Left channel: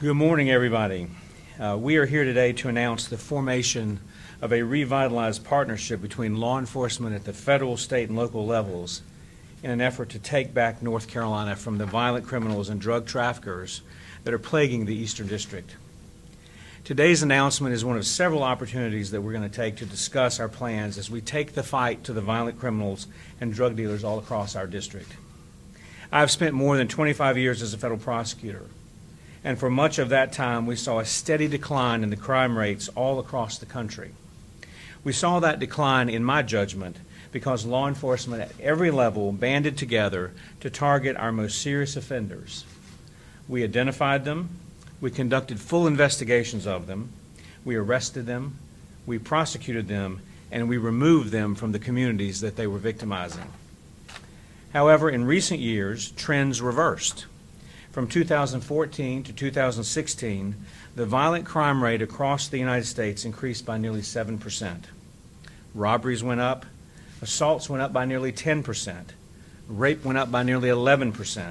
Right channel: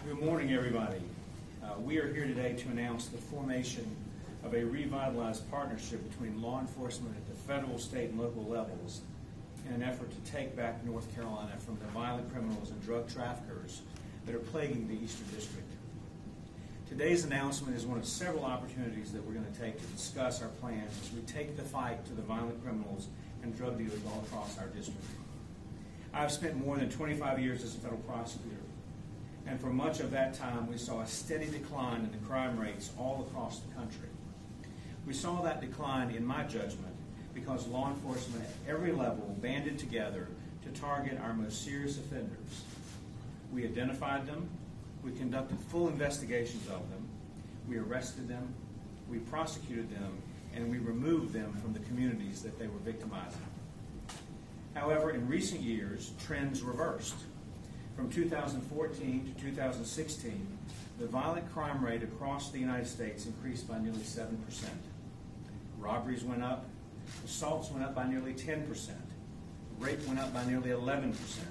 Good morning, everybody. We are here today to announce the formation of a revitalized partnership between law enforcement at the federal, state, and local levels in an effort to take back North Carolina from the violent criminals and drug traffickers that are plaguing the Eastern District. Today's announcement is one of several opportunities that we're going to take to discuss our plans as we take the fight to the violent criminals and drug dealers all across our district. I've spent more than 25 years as a federal prosecutor, and for much of that time we saw a steady decline in the crime rates all across the country. We saw that decline, in my judgment, because law enforcement at every level banded together to target our most serious offenders. We identified them, we conducted full investigations of them, we arrested them, we prosecuted them, and we removed them from the communities that they were victimizing. However, in recent years, trends reversed. From 2014 to 2016, the violent crime rate across the United States increased by nearly 7%. Robberies went up, assaults went up by nearly 10%, rape went up by nearly 11%,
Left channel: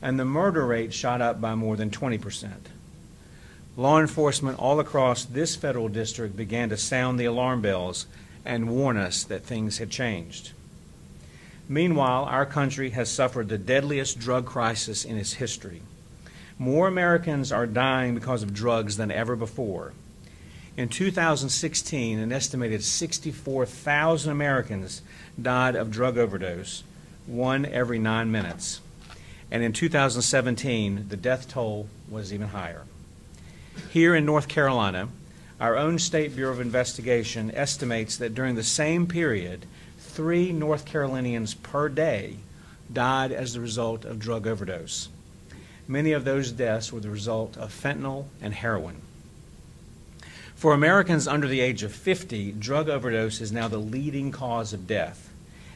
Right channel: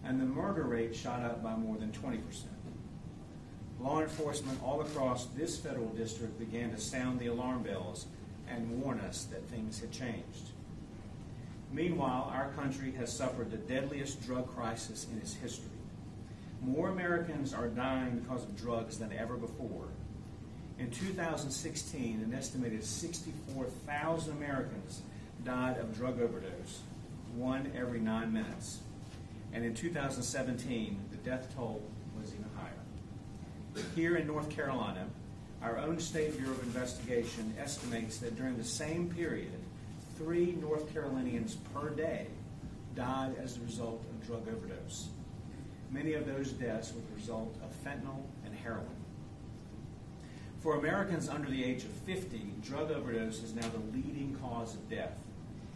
and the murder rate shot up by more than 20%. Law enforcement all across this federal district began to sound the alarm bells and warn us that things had changed. Meanwhile, our country has suffered the deadliest drug crisis in its history. More Americans are dying because of drugs than ever before. In 2016, an estimated 64,000 Americans died of drug overdose, one every 9 minutes. And in 2017, the death toll was even higher. Here in North Carolina, our own State Bureau of Investigation estimates that during the same period, 3 North Carolinians per day died as the result of drug overdose. Many of those deaths were the result of fentanyl and heroin. For Americans under the age of 50, drug overdose is now the leading cause of death,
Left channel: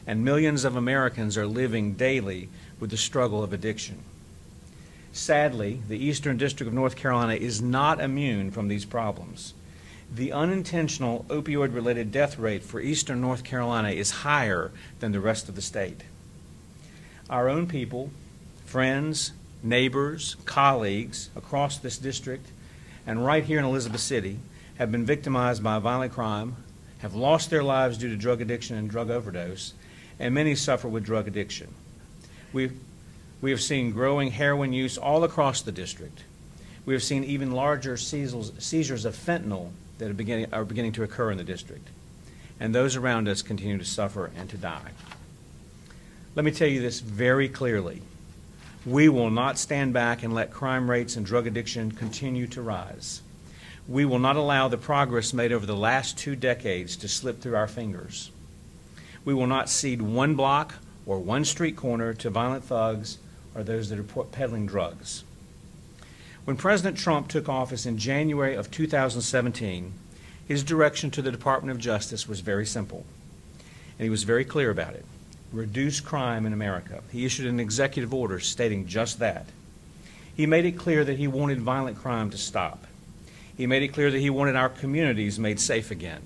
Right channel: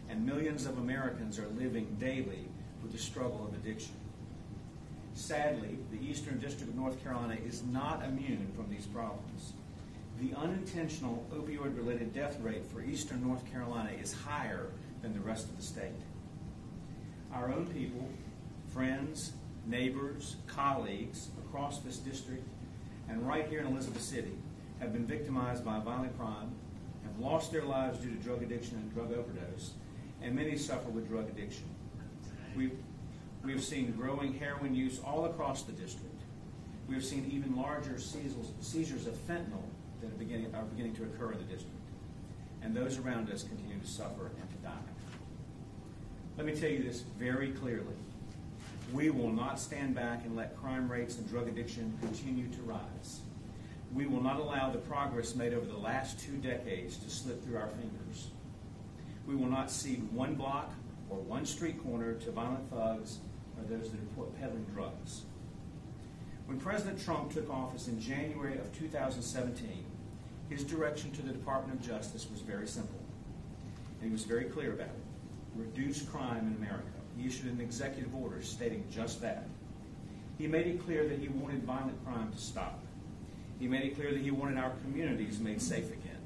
and millions of Americans are living daily with the struggle of addiction. Sadly, the Eastern District of North Carolina is not immune from these problems. The unintentional opioid-related death rate for Eastern North Carolina is higher than the rest of the state. Our own people, friends, neighbors, colleagues across this district and right here in Elizabeth City have been victimized by violent crime, have lost their lives due to drug addiction and drug overdose, and many suffer with drug addiction. We have seen growing heroin use all across the district. We have seen even larger seizures of fentanyl that are beginning to occur in the district. And those around us continue to suffer and to die. Let me tell you this very clearly. We will not stand back and let crime rates and drug addiction continue to rise. We will not allow the progress made over the last 2 decades to slip through our fingers. We will not cede one block or one street corner to violent thugs or those that are peddling drugs. When President Trump took office in January of 2017, his direction to the Department of Justice was very simple, and he was very clear about it. Reduce crime in America. He issued an executive order stating just that. He made it clear that he wanted violent crime to stop. He made it clear that he wanted our communities made safe again.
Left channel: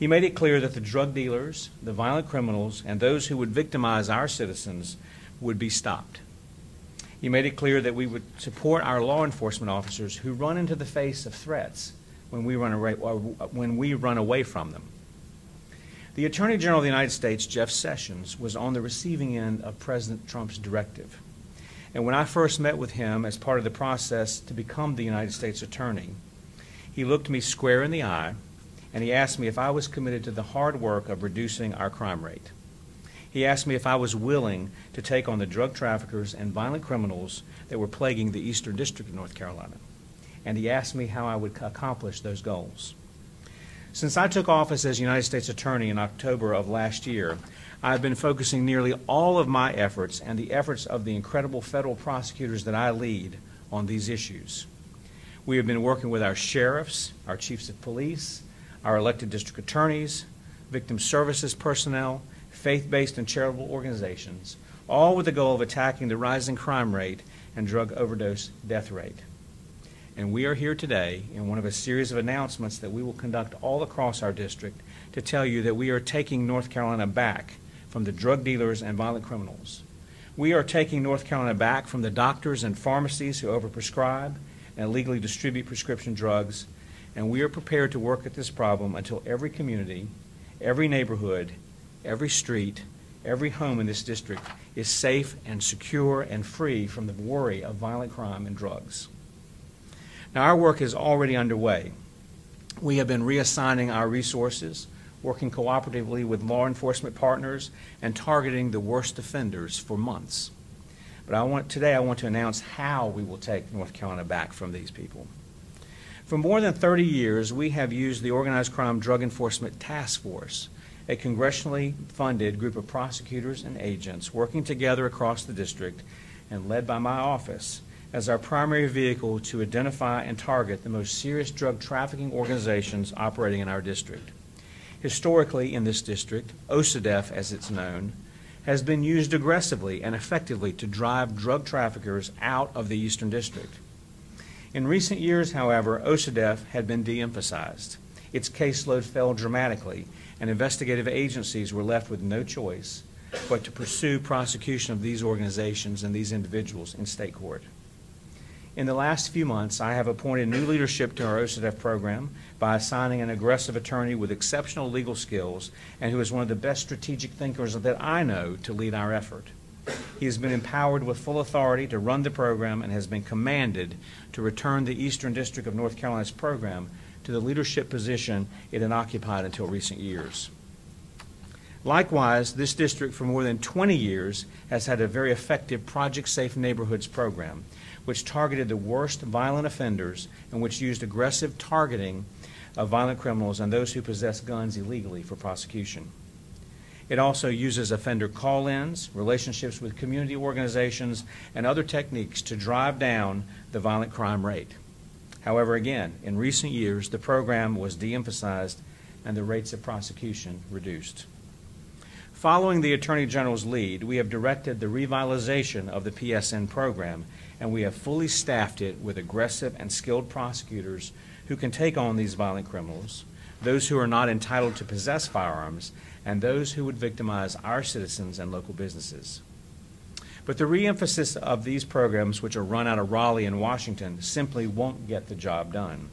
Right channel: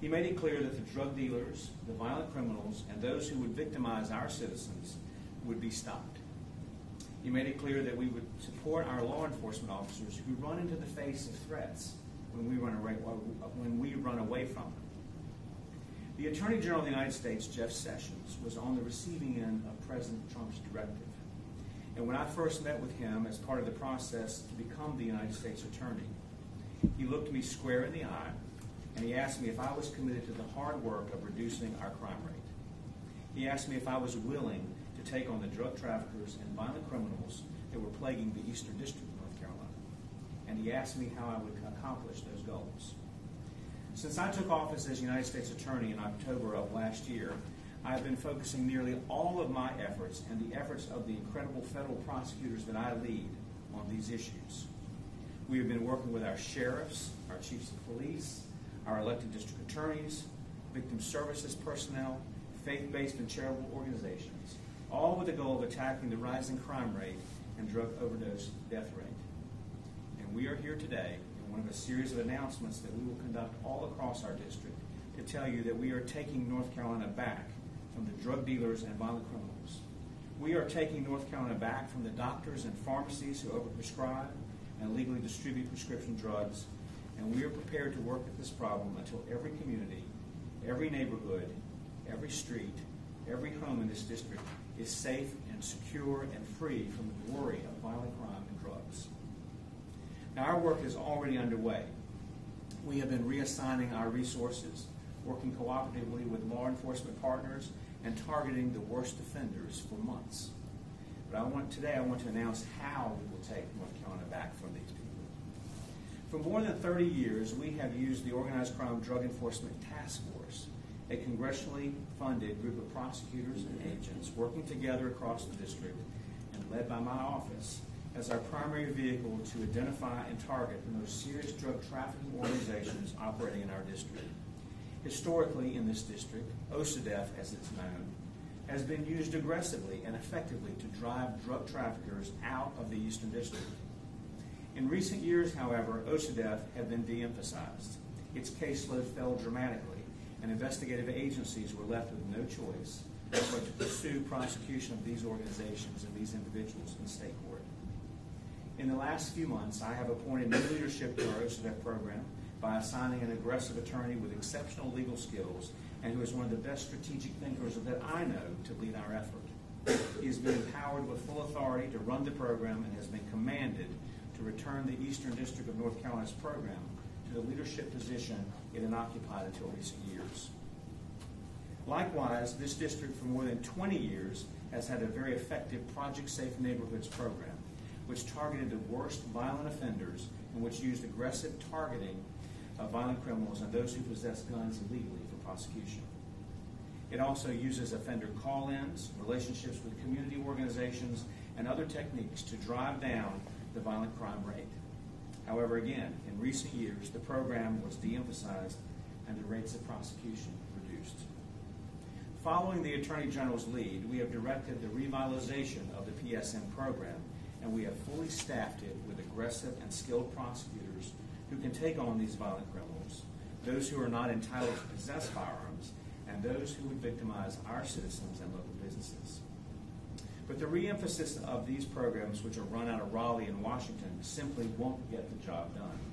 He made it clear that the drug dealers, the violent criminals, and those who would victimize our citizens would be stopped. He made it clear that we would support our law enforcement officers who run into the face of threats when we run away from them. The Attorney General of the United States, Jeff Sessions, was on the receiving end of President Trump's directive. And when I first met with him as part of the process to become the United States Attorney, he looked me square in the eye and he asked me if I was committed to the hard work of reducing our crime rate. He asked me if I was willing to take on the drug traffickers and violent criminals that were plaguing the Eastern District of North Carolina. And he asked me how I would accomplish those goals. Since I took office as United States Attorney in October of last year, I've been focusing nearly all of my efforts and the efforts of the incredible federal prosecutors that I lead on these issues. We have been working with our sheriffs, our chiefs of police, our elected district attorneys, victim services personnel, faith-based and charitable organizations, all with the goal of attacking the rising crime rate and drug overdose death rate. And we are here today in one of a series of announcements that we will conduct all across our district to tell you that we are taking North Carolina back from the drug dealers and violent criminals. We are taking North Carolina back from the doctors and pharmacies who overprescribe, and illegally distribute prescription drugs, and we are prepared to work at this problem until every community, every neighborhood, every street, every home in this district is safe and secure and free from the worry of violent crime and drugs. Now, our work is already underway. We have been reassigning our resources, working cooperatively with law enforcement partners, and targeting the worst offenders for months. But today I want to announce how we will take North Carolina back from these people. For more than 30 years, we have used the Organized Crime Drug Enforcement Task Force, a congressionally funded group of prosecutors and agents working together across the district and led by my office, as our primary vehicle to identify and target the most serious drug trafficking organizations operating in our district. Historically, in this district, OCDEF, as it's known, has been used aggressively and effectively to drive drug traffickers out of the Eastern District. In recent years, however, OCDEF had been de-emphasized. Its caseload fell dramatically, and investigative agencies were left with no choice but to pursue prosecution of these organizations and these individuals in state court. In the last few months, I have appointed new leadership to our OCDEF program by assigning an aggressive attorney with exceptional legal skills and who is one of the best strategic thinkers that I know to lead our effort. He has been empowered with full authority to run the program and has been commanded to return the Eastern District of North Carolina's program to the leadership position it had occupied until recent years. Likewise, this district for more than 20 years has had a very effective Project Safe Neighborhoods program, which targeted the worst violent offenders and which used aggressive targeting of violent criminals and those who possess guns illegally for prosecution. It also uses offender call-ins, relationships with community organizations, and other techniques to drive down the violent crime rate. However, again, in recent years, the program was de-emphasized and the rates of prosecution reduced. Following the Attorney General's lead, we have directed the revitalization of the PSN program, and we have fully staffed it with aggressive and skilled prosecutors who can take on these violent criminals, those who are not entitled to possess firearms, and those who would victimize our citizens and local businesses. But the re-emphasis of these programs, which are run out of Raleigh and Washington, simply won't get the job done.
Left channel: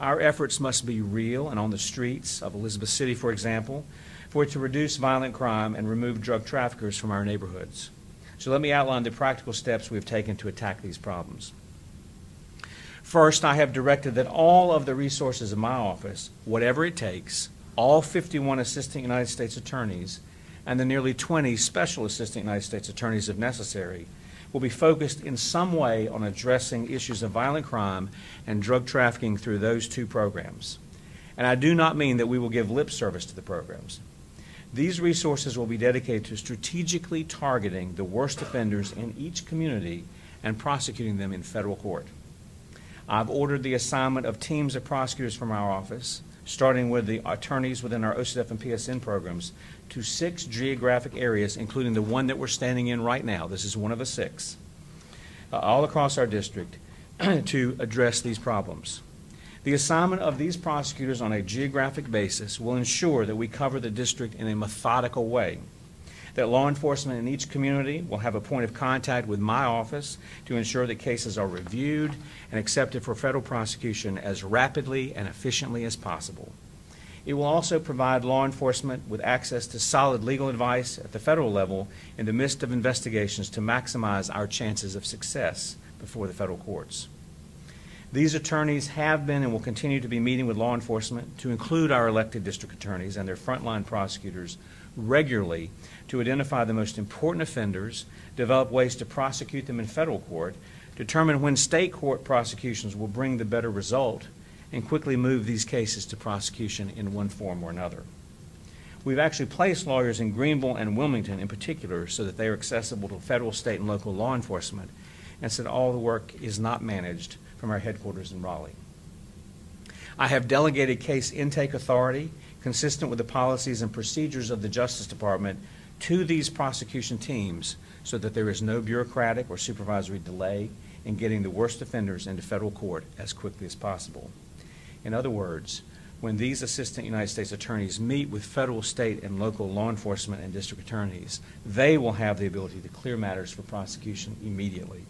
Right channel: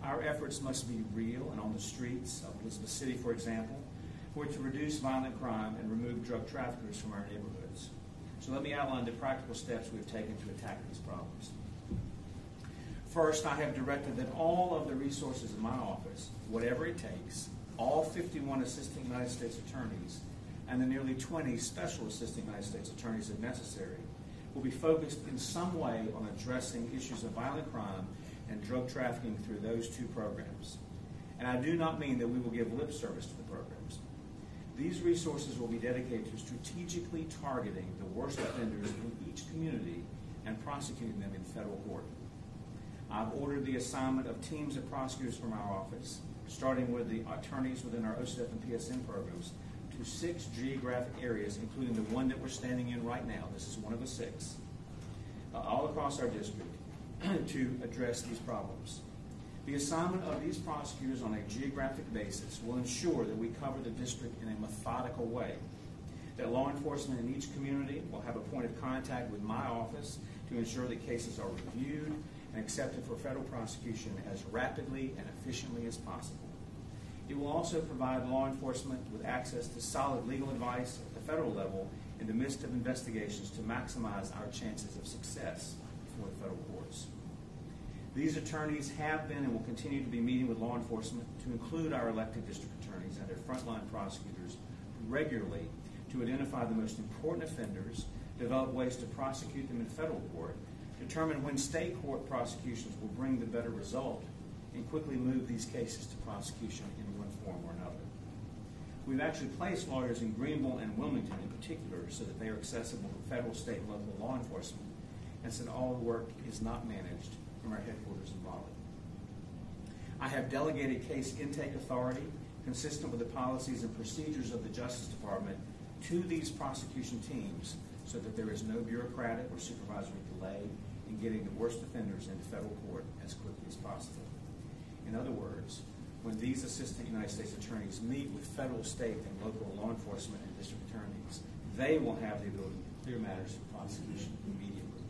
Our efforts must be real and on the streets of Elizabeth City, for example, for it to reduce violent crime and remove drug traffickers from our neighborhoods. So let me outline the practical steps we've taken to attack these problems. First, I have directed that all of the resources of my office, whatever it takes, all 51 Assistant United States Attorneys and the nearly 20 Special Assistant United States Attorneys, if necessary, will be focused in some way on addressing issues of violent crime and drug trafficking through those two programs. And I do not mean that we will give lip service to the programs. These resources will be dedicated to strategically targeting the worst offenders in each community and prosecuting them in federal court. I've ordered the assignment of teams of prosecutors from our office, starting with the attorneys within our OCDEF and PSN programs, to 6 geographic areas, including the one that we're standing in right now. This is one of the 6, all across our district, to address these problems. The assignment of these prosecutors on a geographic basis will ensure that we cover the district in a methodical way, that law enforcement in each community will have a point of contact with my office to ensure that cases are reviewed and accepted for federal prosecution as rapidly and efficiently as possible. It will also provide law enforcement with access to solid legal advice at the federal level in the midst of investigations to maximize our chances of success before the federal courts. These attorneys have been and will continue to be meeting with law enforcement, to include our elected district attorneys and their frontline prosecutors, regularly to identify the most important offenders, develop ways to prosecute them in federal court, determine when state court prosecutions will bring the better result, and quickly move these cases to prosecution in one form or another. We've actually placed lawyers in Greenville and Wilmington in particular so that they are accessible to federal, state, and local law enforcement, and so that all the work is not managed from our headquarters in Raleigh. I have delegated case intake authority, consistent with the policies and procedures of the Justice Department, to these prosecution teams so that there is no bureaucratic or supervisory delay in getting the worst offenders into federal court as quickly as possible. In other words, when these Assistant United States Attorneys meet with federal, state, and local law enforcement and district attorneys, they will have the ability to clear matters for prosecution immediately.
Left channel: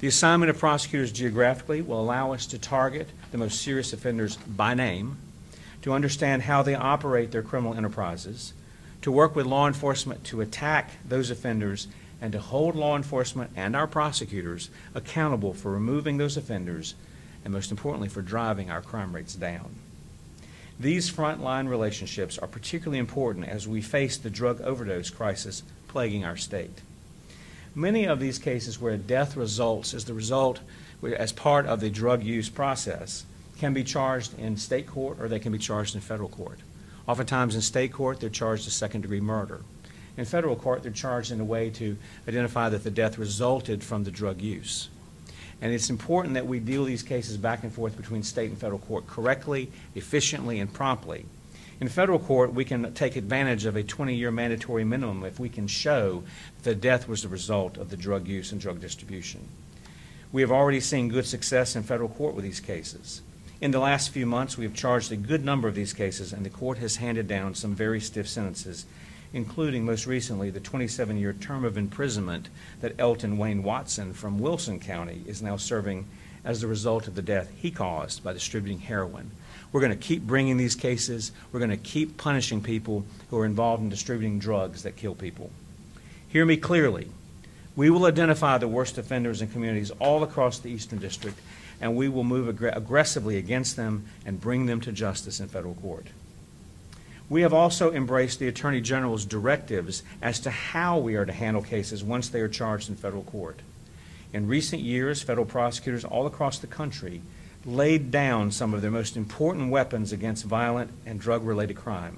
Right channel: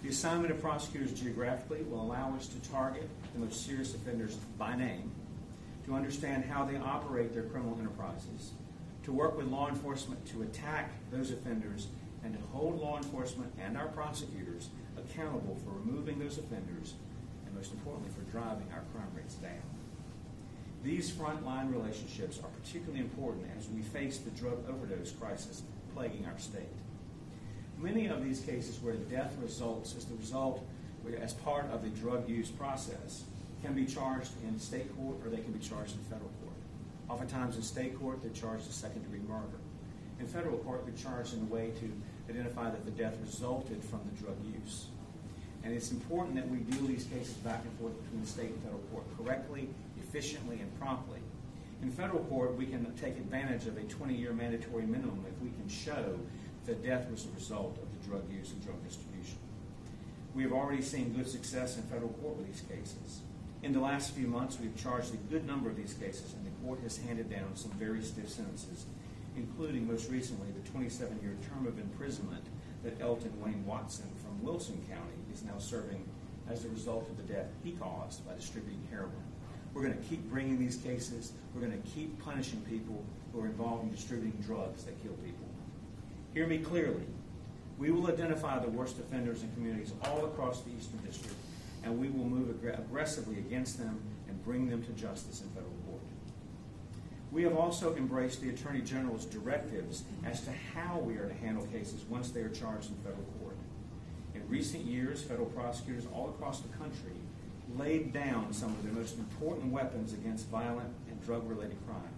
The assignment of prosecutors geographically will allow us to target the most serious offenders by name, to understand how they operate their criminal enterprises, to work with law enforcement to attack those offenders, and to hold law enforcement and our prosecutors accountable for removing those offenders, and most importantly, for driving our crime rates down. These frontline relationships are particularly important as we face the drug overdose crisis plaguing our state. Many of these cases where a death results as part of the drug use process can be charged in state court or they can be charged in federal court. Oftentimes in state court, they're charged as second-degree murder. In federal court, they're charged in a way to identify that the death resulted from the drug use. And it's important that we deal these cases back and forth between state and federal court correctly, efficiently, and promptly. In federal court, we can take advantage of a 20-year mandatory minimum if we can show that the death was the result of the drug use and drug distribution. We have already seen good success in federal court with these cases. In the last few months, we have charged a good number of these cases, and the court has handed down some very stiff sentences, including most recently the 27-year term of imprisonment that Elton Wayne Watson from Wilson County is now serving as the result of the death he caused by distributing heroin. We're going to keep bringing these cases. We're going to keep punishing people who are involved in distributing drugs that kill people. Hear me clearly. We will identify the worst offenders in communities all across the Eastern District, and we will move aggressively against them and bring them to justice in federal court. We have also embraced the Attorney General's directives as to how we are to handle cases once they are charged in federal court. In recent years, federal prosecutors all across the country laid down some of their most important weapons against violent and drug-related crime.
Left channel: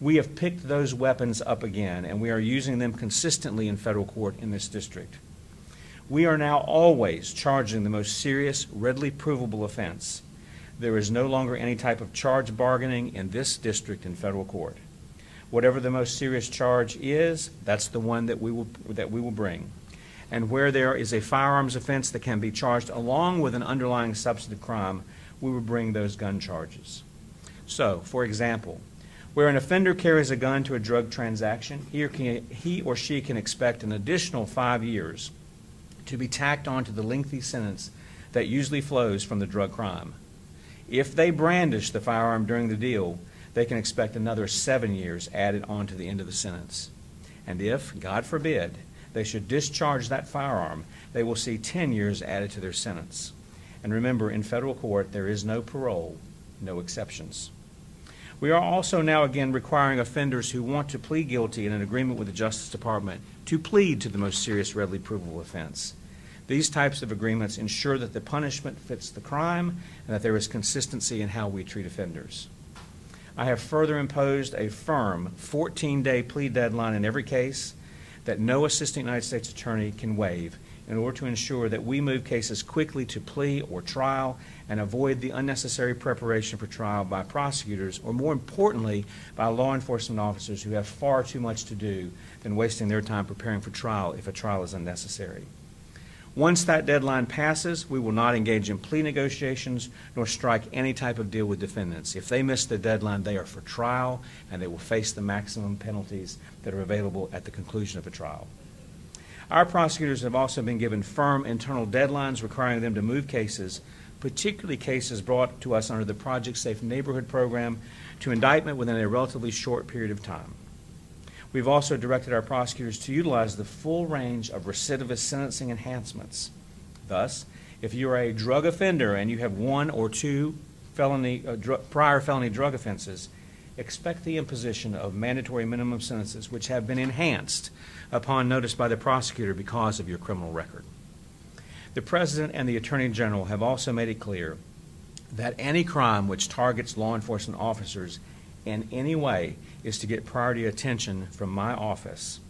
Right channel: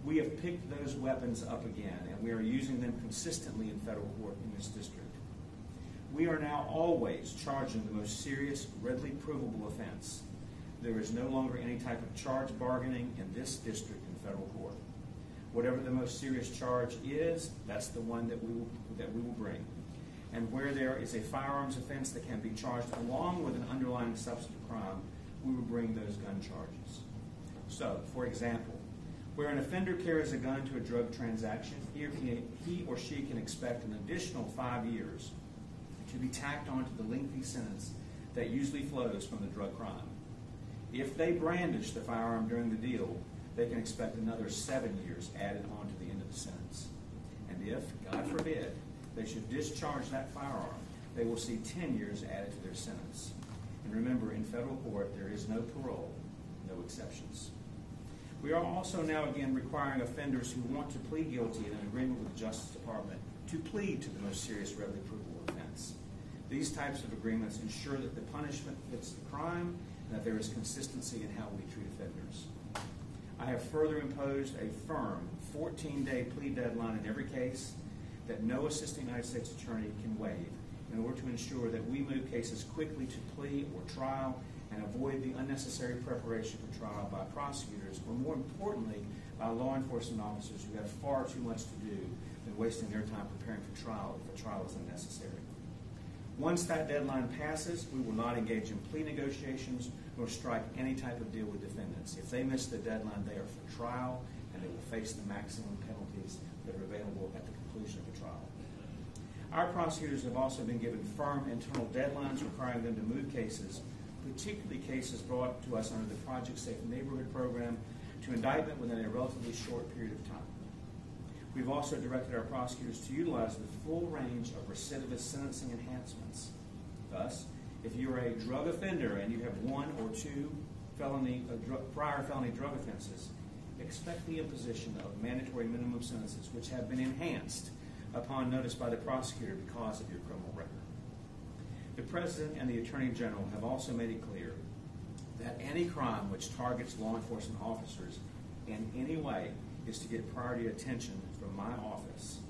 We have picked those weapons up again, and we are using them consistently in federal court in this district. We are now always charging the most serious, readily provable offense. There is no longer any type of charge bargaining in this district in federal court. Whatever the most serious charge is, that's the one that we will bring. And where there is a firearms offense that can be charged along with an underlying substantive crime, we will bring those gun charges. So, for example, where an offender carries a gun to a drug transaction, he or she can expect an additional 5 years to be tacked onto the lengthy sentence that usually flows from the drug crime. If they brandish the firearm during the deal, they can expect another 7 years added on to the end of the sentence. And if, God forbid, they should discharge that firearm, they will see 10 years added to their sentence. And remember, in federal court, there is no parole, no exceptions. We are also now again requiring offenders who want to plead guilty in an agreement with the Justice Department to plead to the most serious readily provable offense. These types of agreements ensure that the punishment fits the crime and that there is consistency in how we treat offenders. I have further imposed a firm 14-day plea deadline in every case that no assistant United States attorney can waive in order to ensure that we move cases quickly to plea or trial and avoid the unnecessary preparation for trial by prosecutors, or more importantly, by law enforcement officers who have far too much to do than wasting their time preparing for trial if a trial is unnecessary. Once that deadline passes, we will not engage in plea negotiations nor strike any type of deal with defendants. If they miss the deadline, they are for trial, and they will face the maximum penalties that are available at the conclusion of a trial. Our prosecutors have also been given firm internal deadlines requiring them to move cases, particularly cases brought to us under the Project Safe Neighborhood program, to indictment within a relatively short period of time. We've also directed our prosecutors to utilize the full range of recidivist sentencing enhancements. Thus, if you are a drug offender and you have 1 or 2 prior felony drug offenses, expect the imposition of mandatory minimum sentences which have been enhanced upon notice by the prosecutor because of your criminal record. The President and the Attorney General have also made it clear that any crime which targets law enforcement officers in any way is to get priority attention from my office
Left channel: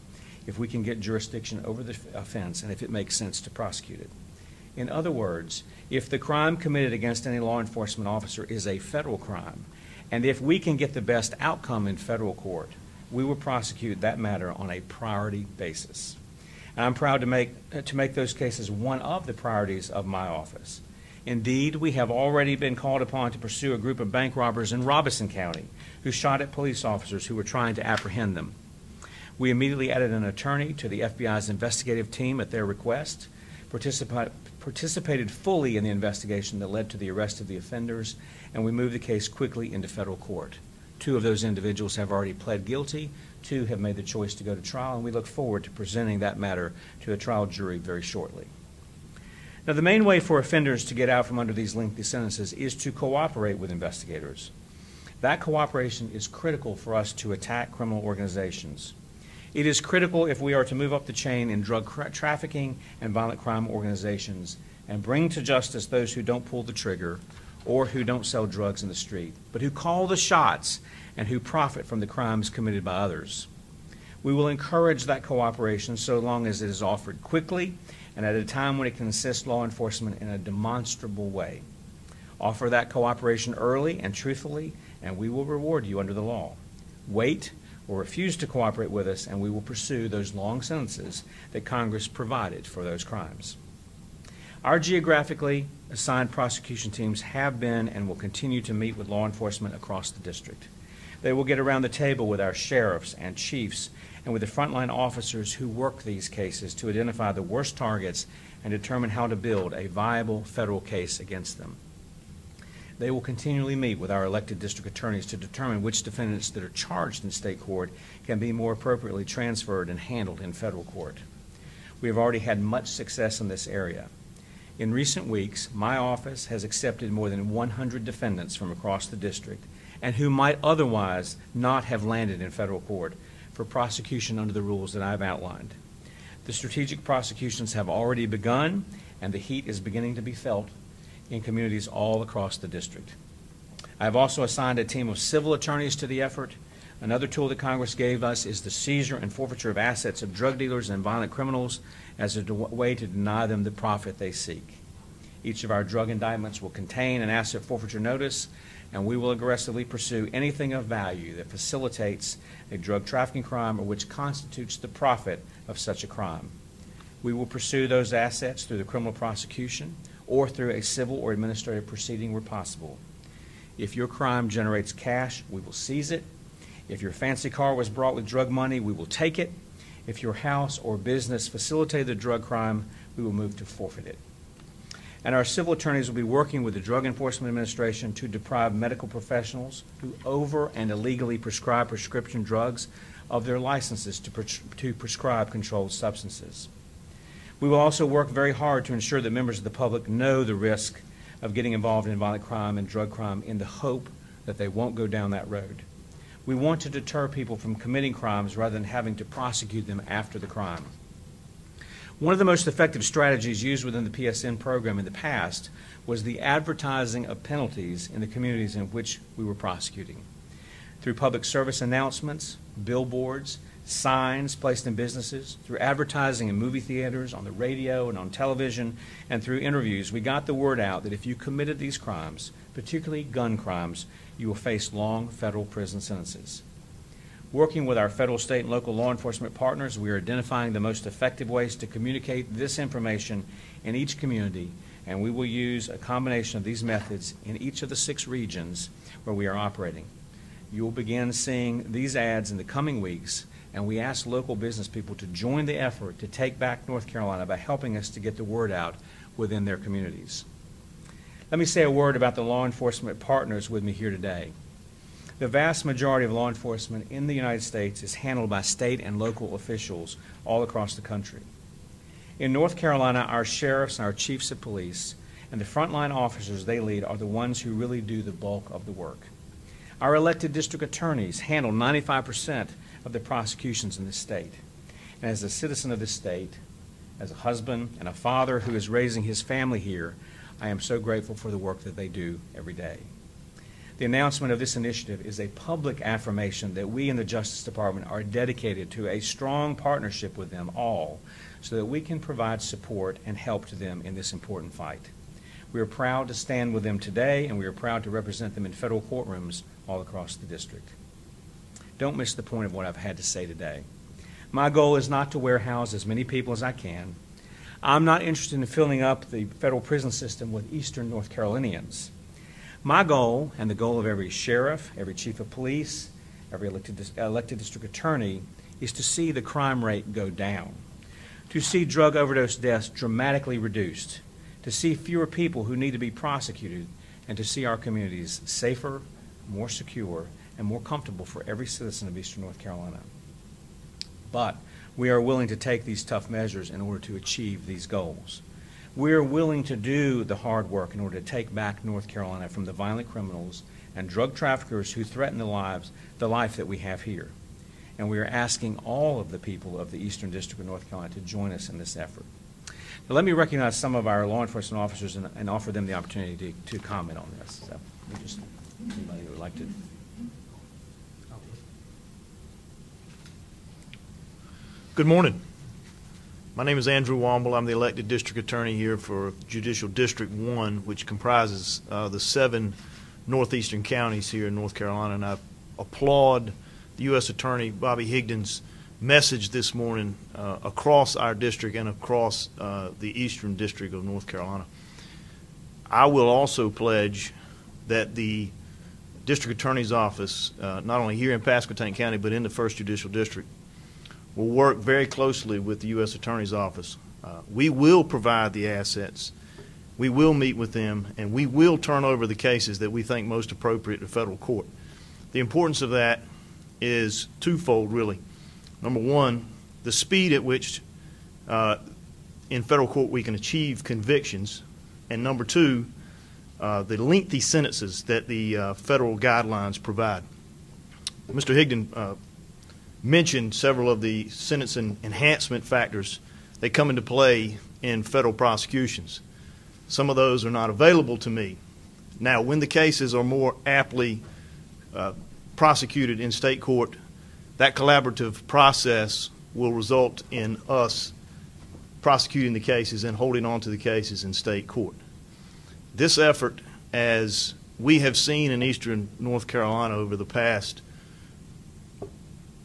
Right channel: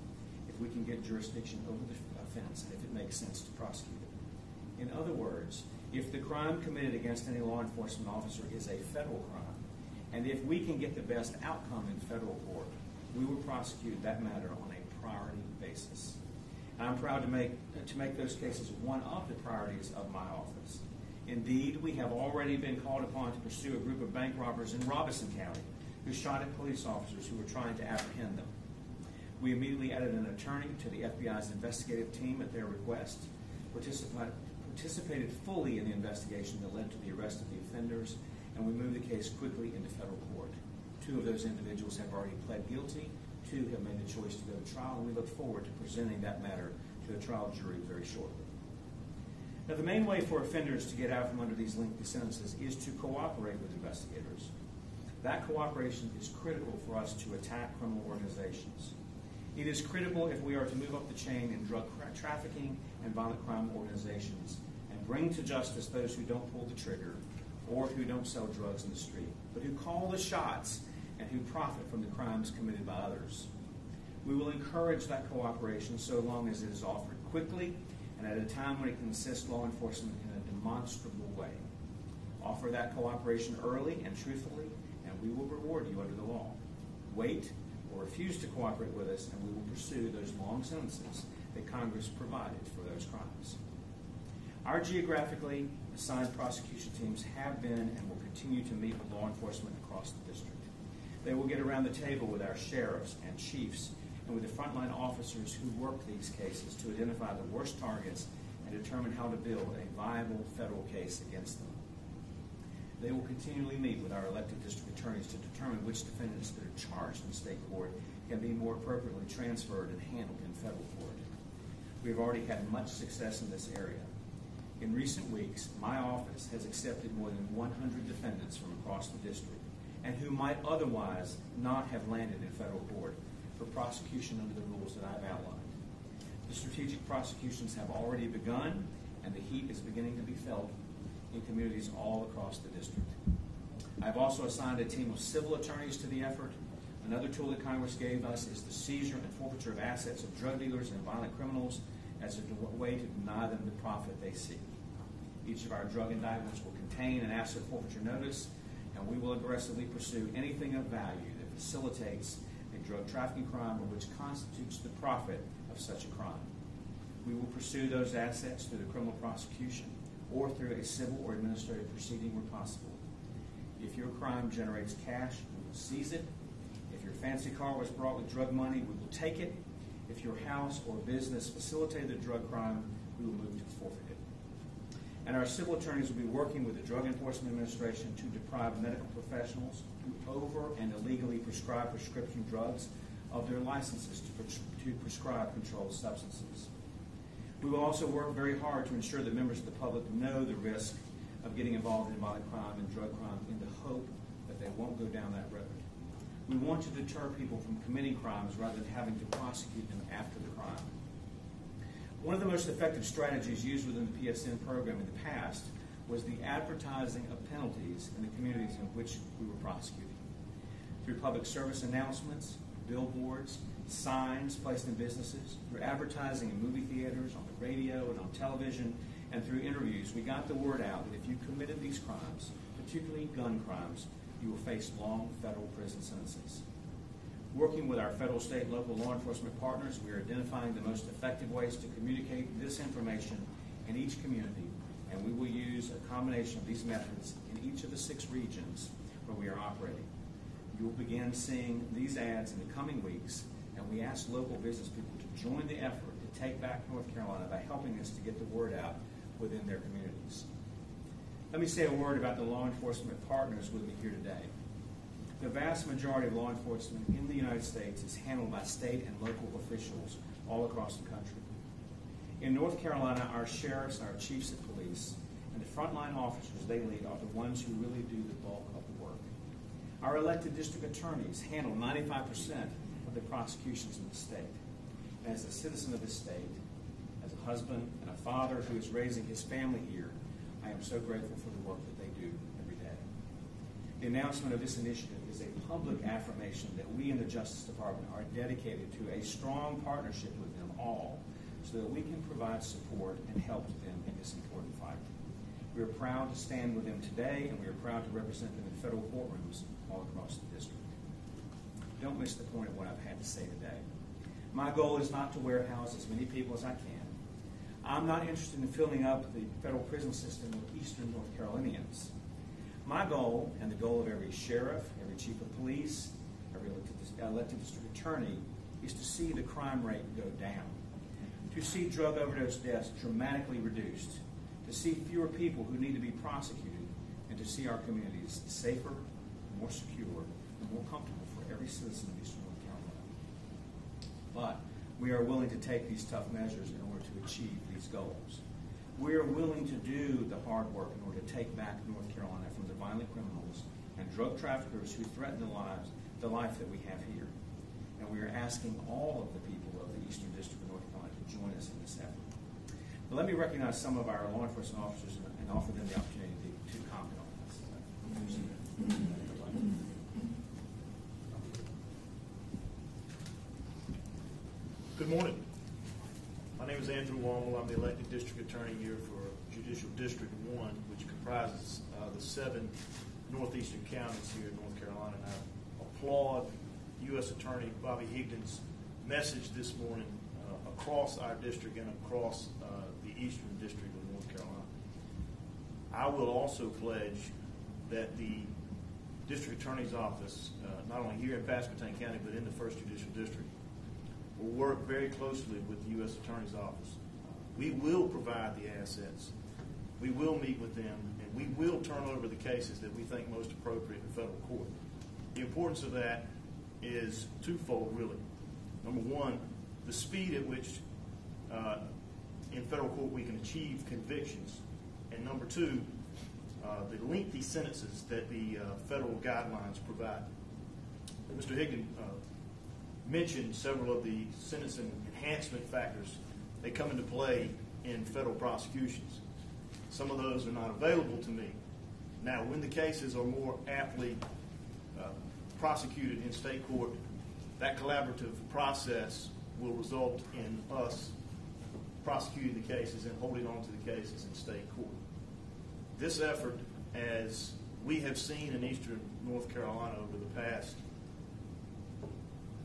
if we can get jurisdiction over the offense and if it makes sense to prosecute it. In other words, if the crime committed against any law enforcement officer is a federal crime, and if we can get the best outcome in federal court, we will prosecute that matter on a priority basis. And I'm proud to make those cases one of the priorities of my office. Indeed, we have already been called upon to pursue a group of bank robbers in Robeson County who shot at police officers who were trying to apprehend them. We immediately added an attorney to the FBI's investigative team at their request, participated fully in the investigation that led to the arrest of the offenders, and we moved the case quickly into federal court. 2 of those individuals have already pled guilty. 2 have made the choice to go to trial, and we look forward to presenting that matter to a trial jury very shortly. Now, the main way for offenders to get out from under these lengthy sentences is to cooperate with investigators. That cooperation is critical for us to attack criminal organizations. It is critical if we are to move up the chain in drug trafficking and violent crime organizations and bring to justice those who don't pull the trigger or who don't sell drugs in the street, but who call the shots and who profit from the crimes committed by others. We will encourage that cooperation so long as it is offered quickly and at a time when it can assist law enforcement in a demonstrable way. Offer that cooperation early and truthfully, and we will reward you under the law. Wait or refuse to cooperate with us, and we will pursue those long sentences that Congress provided for those crimes. Our geographically assigned prosecution teams have been and will continue to meet with law enforcement across the district. They will get around the table with our sheriffs and chiefs and with the frontline officers who work these cases to identify the worst targets and determine how to build a viable federal case against them. They will continually meet with our elected district attorneys to determine which defendants that are charged in state court can be more appropriately transferred and handled in federal court. We have already had much success in this area. In recent weeks, my office has accepted more than 100 defendants from across the district and who might otherwise not have landed in federal court for prosecution under the rules that I've outlined. The strategic prosecutions have already begun, and the heat is beginning to be felt in communities all across the district. I have also assigned a team of civil attorneys to the effort. Another tool that Congress gave us is the seizure and forfeiture of assets of drug dealers and violent criminals as a way to deny them the profit they seek. Each of our drug indictments will contain an asset forfeiture notice, and we will aggressively pursue anything of value that facilitates a drug trafficking crime or which constitutes the profit of such a crime. We will pursue those assets through the criminal prosecution or through a civil or administrative proceeding where possible. If your crime generates cash, we will seize it. If your fancy car was brought with drug money, we will take it. If your house or business facilitated the drug crime, we will move to forfeit it. And our civil attorneys will be working with the Drug Enforcement Administration to deprive medical professionals who over and illegally prescribe prescription drugs of their licenses to prescribe controlled substances. We will also work very hard to ensure that members of the public know the risk of getting involved in violent crime and drug crime in the hope that they won't go down that road. We want to deter people from committing crimes rather than having to prosecute them after the crime. One of the most effective strategies used within the PSN program in the past was the advertising of penalties in the communities in which we were prosecuting. Through public service announcements, billboards, signs placed in businesses, through advertising in movie theaters, on the radio and on television, and through interviews, we got the word out that if you committed these crimes, particularly gun crimes, you will face long federal prison sentences. Working with our federal, state, and local law enforcement partners, we are identifying the most effective ways to communicate this information in each community, and we will use a combination of these methods in each of the 6 regions where we are operating. You will begin seeing these ads in the coming weeks, and we ask local business people to join the effort to take back North Carolina by helping us to get the word out within their communities. Let me say a word about the law enforcement partners with me here today. The vast majority of law enforcement in the United States is handled by state and local officials all across the country. In North Carolina, our sheriffs and our chiefs of police and the frontline officers they lead are the ones who really do the bulk of the work. Our elected district attorneys handle 95% of the prosecutions in this state. And as a citizen of this state, as a husband and a father who is raising his family here, I am so grateful for the work that they do every day. The announcement of this initiative is a public affirmation that we in the Justice Department are dedicated to a strong partnership with them all so that we can provide support and help to them in this important fight. We are proud to stand with them today, and we are proud to represent them in federal courtrooms all across the district. Don't miss the point of what I've had to say today. My goal is not to warehouse as many people as I can. I'm not interested in filling up the federal prison system with Eastern North Carolinians. My goal, and the goal of every sheriff, every chief of police, every elected district attorney, is to see the crime rate go down, to see drug overdose deaths dramatically reduced, to see fewer people who need to be prosecuted, and to see our communities safer, more secure, and more comfortable for every citizen of Eastern North Carolina. But we are willing to take these tough measures in order to achieve these goals. We are willing to do the hard work in order to take back North Carolina from the violent criminals and drug traffickers who threaten the life that we have here. And we are asking all of the people of the Eastern District of North Carolina to join us in this effort. Now, let me recognize some of our law enforcement officers and offer them the opportunity to comment on this. So, just anybody who would like to. Good morning. My name is Andrew Womble. I'm the elected district attorney here for Judicial District 1, which comprises the 7 northeastern counties here in North Carolina, and I applaud the U.S. Attorney Bobby Higdon's message this morning across our district and across the Eastern District of North Carolina. I will also pledge that the District Attorney's Office, not only here in Pasquotank County, but in the 1st Judicial District, will work very closely with the U.S. Attorney's Office. We will provide the assets, we will meet with them, and we will turn over the cases that we think most appropriate to federal court. The importance of that is twofold, really. Number one, the speed at which in federal court we can achieve convictions, and number two, the lengthy sentences that the federal guidelines provide. Mr. Higdon mentioned several of the sentencing enhancement factors that come into play in federal prosecutions. Some of those are not available to me. Now, when the cases are more aptly prosecuted in state court, that collaborative process will result in us prosecuting the cases and holding on to the cases in state court. This effort, as we have seen in Eastern North Carolina over the past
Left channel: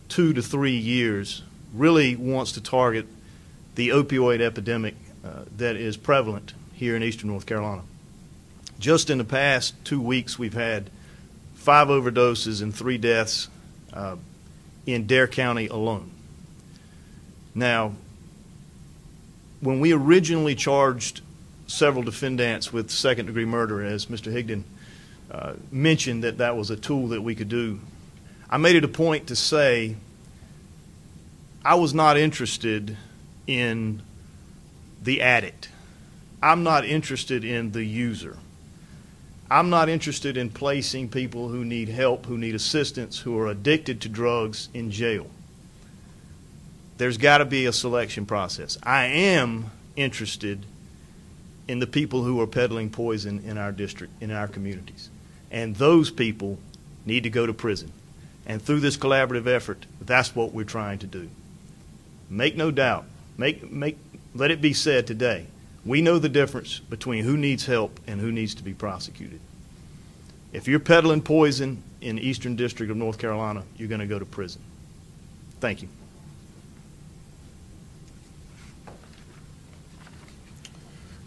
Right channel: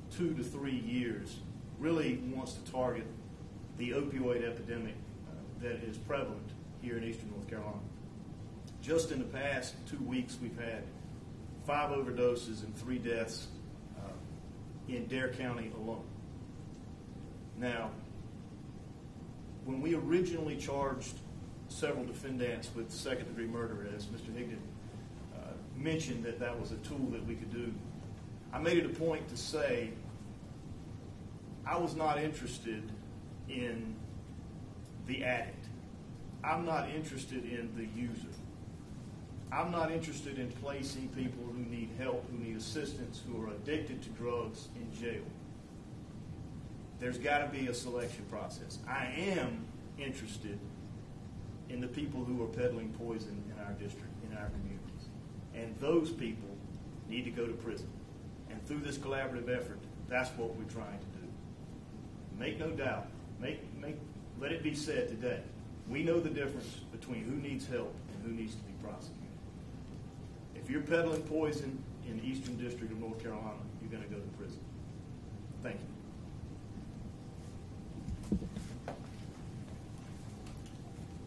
2 to 3 years, really wants to target the opioid epidemic that is prevalent here in Eastern North Carolina. Just in the past 2 weeks, we've had 5 overdoses and 3 deaths in Dare County alone. Now, when we originally charged several defendants with second-degree murder, as Mr. Higdon mentioned that was a tool that we could do, I made it a point to say I was not interested in the addict. I'm not interested in the user. I'm not interested in placing people who need help, who need assistance, who are addicted to drugs in jail. There's got to be a selection process. I am interested in the people who are peddling poison in our district, in our communities. And those people need to go to prison. And through this collaborative effort, that's what we're trying to do. Make no doubt, let it be said today, we know the difference between who needs help and who needs to be prosecuted. If you're peddling poison in the Eastern District of North Carolina, you're going to go to prison. Thank you.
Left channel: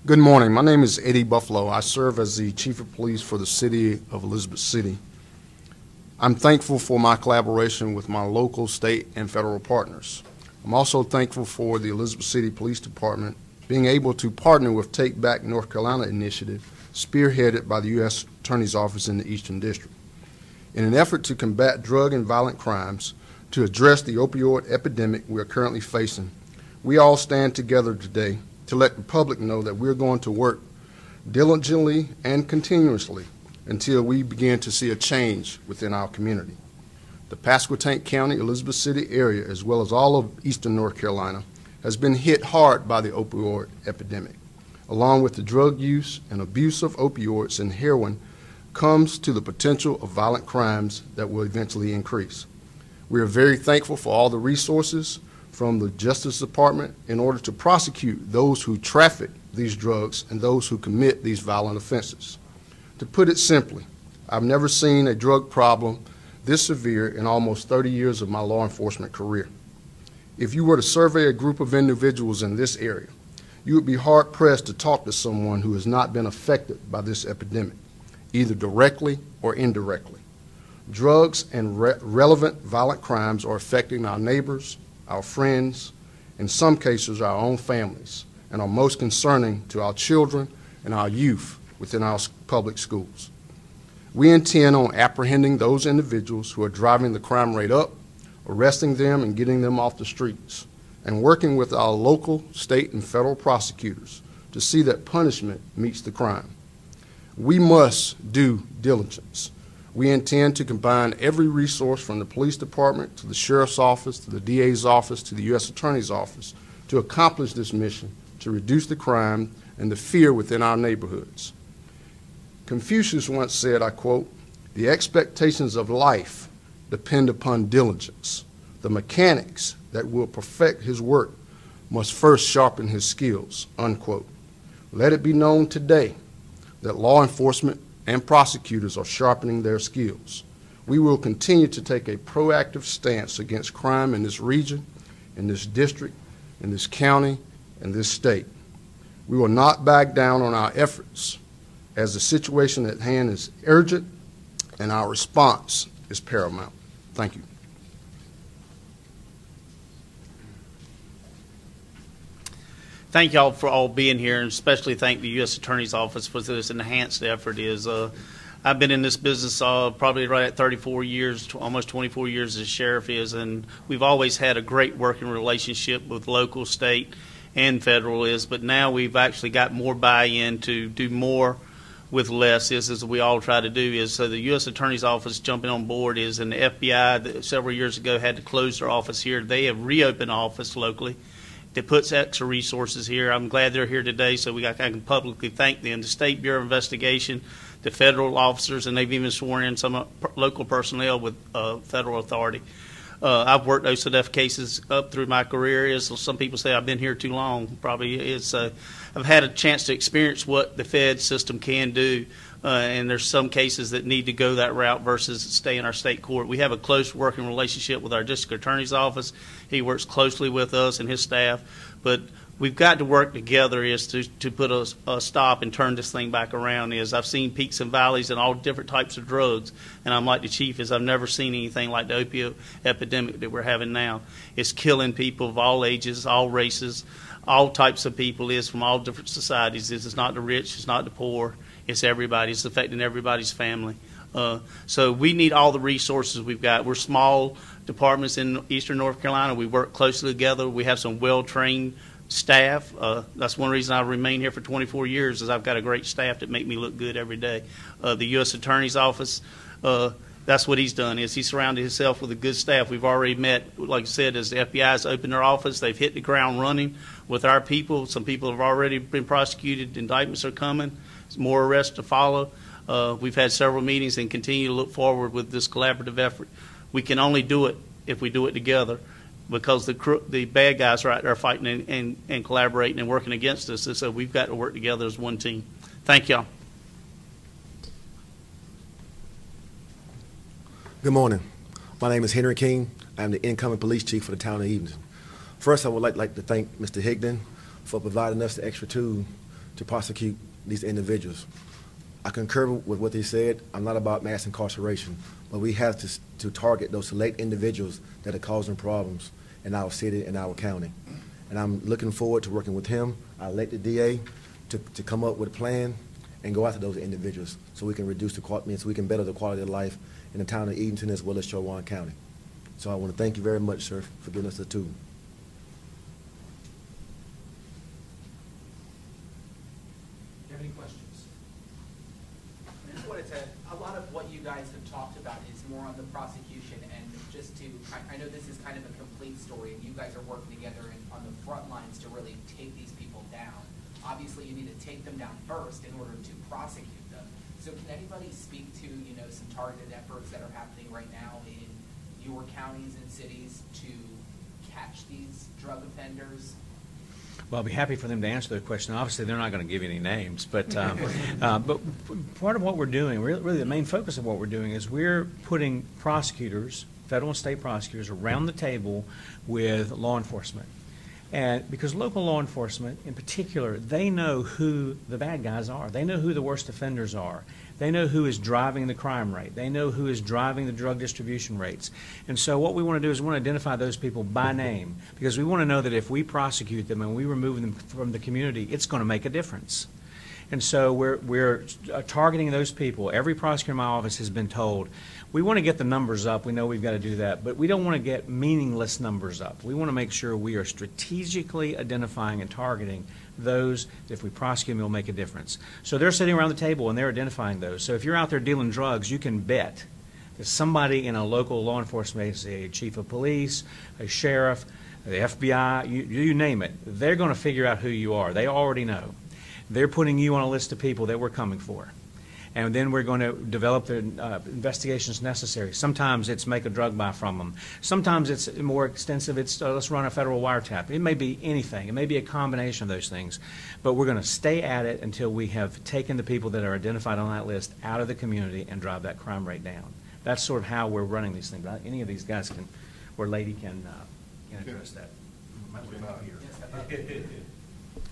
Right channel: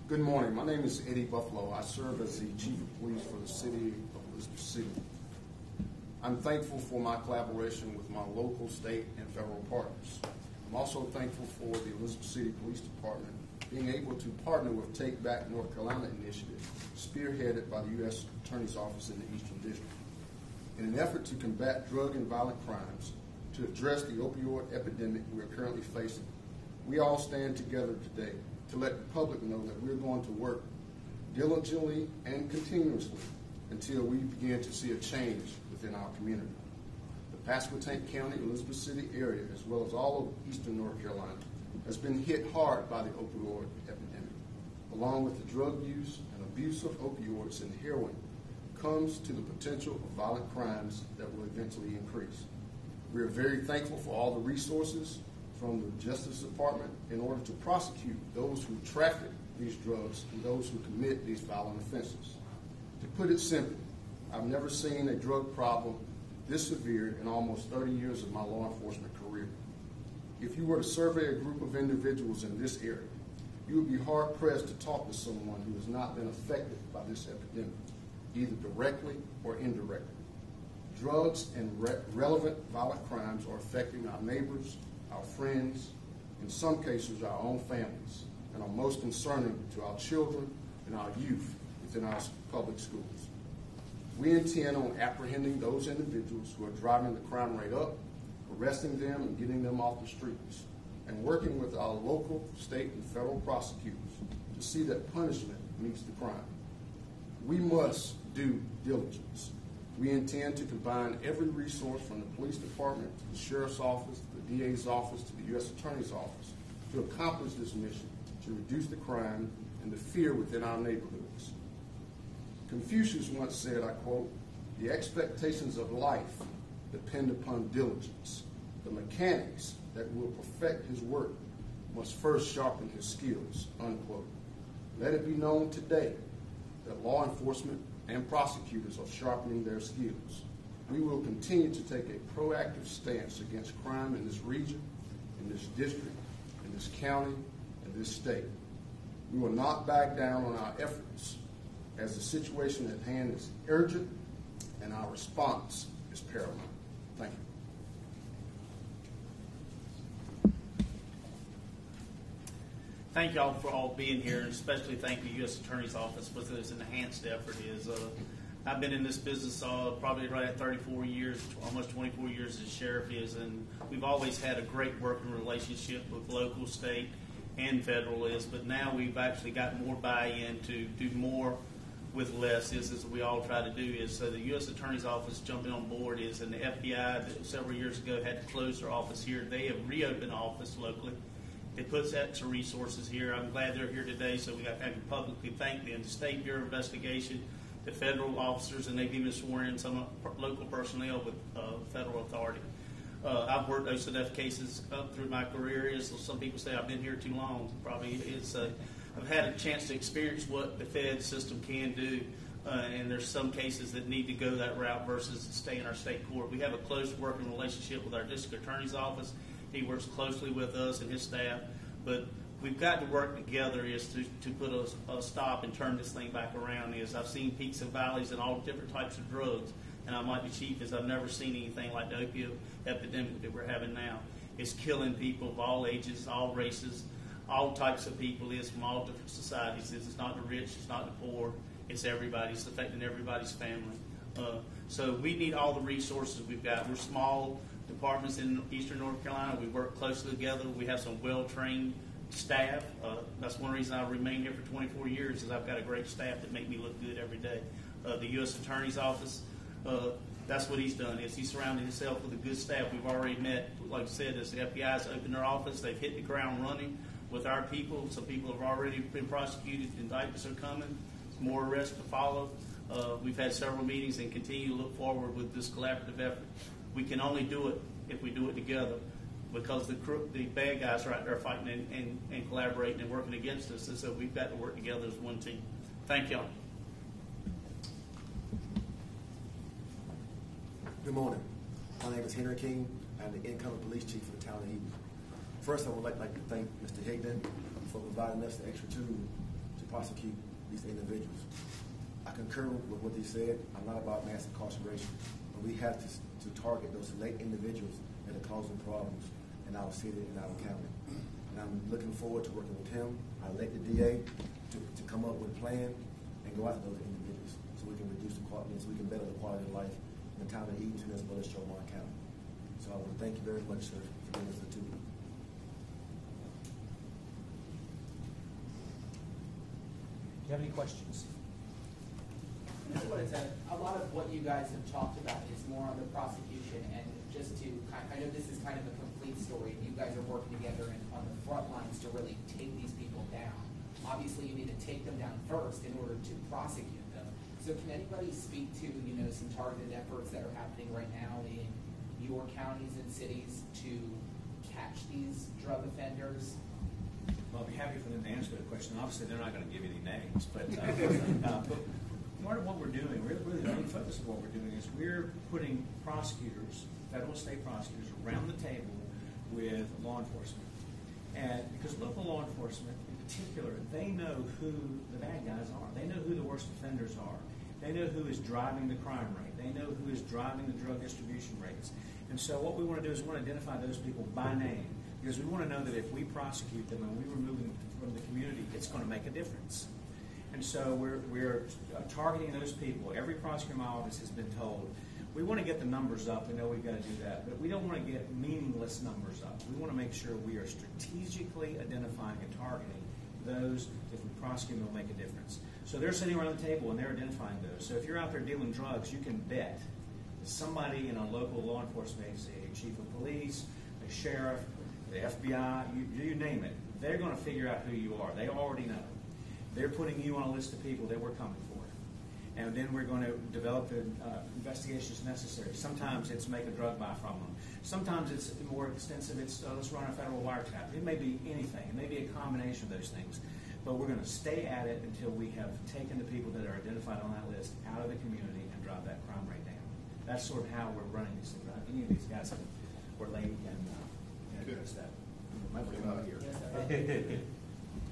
Good morning. My name is Eddie Buffalo. I serve as the Chief of Police for the City of Elizabeth City. I'm thankful for my collaboration with my local, state, and federal partners. I'm also thankful for the Elizabeth City Police Department being able to partner with Take Back North Carolina initiative, spearheaded by the U.S. Attorney's Office in the Eastern District. In an effort to combat drug and violent crimes, to address the opioid epidemic we are currently facing, we all stand together today to let the public know that we're going to work diligently and continuously until we begin to see a change within our community. The Pasquotank County, Elizabeth City area, as well as all of Eastern North Carolina, has been hit hard by the opioid epidemic. Along with the drug use and abuse of opioids and heroin comes to the potential of violent crimes that will eventually increase. We are very thankful for all the resources from the Justice Department in order to prosecute those who traffic these drugs and those who commit these violent offenses. To put it simply, I've never seen a drug problem this severe in almost 30 years of my law enforcement career. If you were to survey a group of individuals in this area, you would be hard-pressed to talk to someone who has not been affected by this epidemic, either directly or indirectly. Drugs and relevant violent crimes are affecting our neighbors, our friends, in some cases our own families, and are most concerning to our children and our youth within our public schools. We intend on apprehending those individuals who are driving the crime rate up, arresting them and getting them off the streets, and working with our local, state, and federal prosecutors to see that punishment meets the crime. We must do diligence. We intend to combine every resource from the police department to the sheriff's office to the DA's office to the U.S. Attorney's office to accomplish this mission to reduce the crime and the fear within our neighborhoods. Confucius once said, I quote, "The expectations of life depend upon diligence. The mechanics that will perfect his work must first sharpen his skills," unquote. Let it be known today that law enforcement and prosecutors are sharpening their skills. We will continue to take a proactive stance against crime in this region, in this district, in this county, and this state. We will not back down on our efforts as the situation at hand is urgent and our response is paramount. Thank you. Thank y'all for all being here, and especially thank the U.S. Attorney's Office for this enhanced effort. I've been in this business probably right at 34 years, almost 24 years as sheriff is, and we've always had a great working relationship with local, state, and federal but now we've actually got more buy-in to do more with less as we all try to do so the U.S. Attorney's Office jumping on board and the FBI that several years ago had to close their office here. They have reopened the office locally. That puts extra resources here. I'm glad they're here today, so I can publicly thank them. The State Bureau of Investigation, the federal officers, and they've even sworn in some local personnel with federal authority. I've worked OCDF cases up through my career. Some people say I've been here too long. Probably I've had a chance to experience what the Fed system can do. And there's some cases that need to go that route versus stay in our state court. We have a close working relationship with our district attorney's office. He works closely with us and his staff, but we've got to work together to put a stop and turn this thing back around. I've seen peaks and valleys and all different types of drugs, and I'm like the chief I've never seen anything like the opioid epidemic that we're having now. It's killing people of all ages, all races, all types of people. It's from all different societies. It's not the rich, it's not the poor. It's everybody. It's affecting everybody's family. So we need all the resources we've got. We're small departments in eastern North Carolina. We work closely together. We have some well-trained staff. That's one reason I remain here for 24 years is I've got a great staff that make me look good every day. The U.S. Attorney's Office, that's what he's done is he surrounded himself with a good staff. We've already met, like I said, as the FBI's opened their office, they've hit the ground running with our people. Some people have already been prosecuted. Indictments are coming. More arrests to follow. We've had several meetings and continue to look forward with this collaborative effort. We can only do it if we do it together because the bad guys are out there fighting and collaborating and working against us. And so we've got to work together as one team. Thank y'all. Good morning. My name is Henry King. I'm the incoming police chief for the town of Edenton. First, I would like to thank Mr. Higdon for providing us the extra tool to prosecute these individuals. I concur with what they said. I'm not about mass incarceration, but we have to target those select individuals that are causing problems in our city and our county. And I'm looking forward to working with him, our elected DA, to come up with a plan and go after those individuals so we can reduce the quality, so we can better the quality of life in the town of Edenton as well as Chowan County. So I want to thank you very much, sir, for giving us the tool. Do you have any questions? What is that? A lot of what you guys have talked about is more on the prosecution, and just to, I know this is kind of a complete story, and you guys are working together on the front lines to really take these people down. Obviously, you need to take them down first in order to prosecute them. So can anybody speak to, some targeted efforts that are happening right now in your counties and cities to catch these drug offenders? Well, I'll be happy for them to answer that question. Obviously, they're not going to give you any names, but part of what we're doing, really the main focus of what we're doing is we're putting prosecutors, federal and state prosecutors, around the table with law enforcement. And because local law enforcement, in particular, they know who the bad guys are. They know who the worst offenders are. They know who is driving the crime rate. They know who is driving the drug distribution rates. And so what we want to do is we want to identify those people by name because we want to know that if we prosecute them and we remove them from the community, it's going to make a difference. And so we're targeting those people. Every prosecutor in my office has been told, we want to get the numbers up. We know we've got to do that, but we don't want to get meaningless numbers up. We want to make sure we are strategically identifying and targeting those that if we prosecute them, it'll make a difference. So they're sitting around the table and they're identifying those. So if you're out there dealing drugs, you can bet that somebody in a local law enforcement agency, a chief of police, a sheriff, the FBI, you name it, they're going to figure out who you are. They already know. They're putting you on a list of people that we're coming for. And then we're going to develop the investigations necessary. Sometimes it's make a drug buy from them. Sometimes it's more extensive. It's let's run a federal wiretap. It may be anything. It may be a combination of those things. But we're going to stay at it until we have taken the people that are identified on that list out of the community and drive that crime rate down. That's sort of how we're running these things. Any of these guys can, or lady can address that. I'm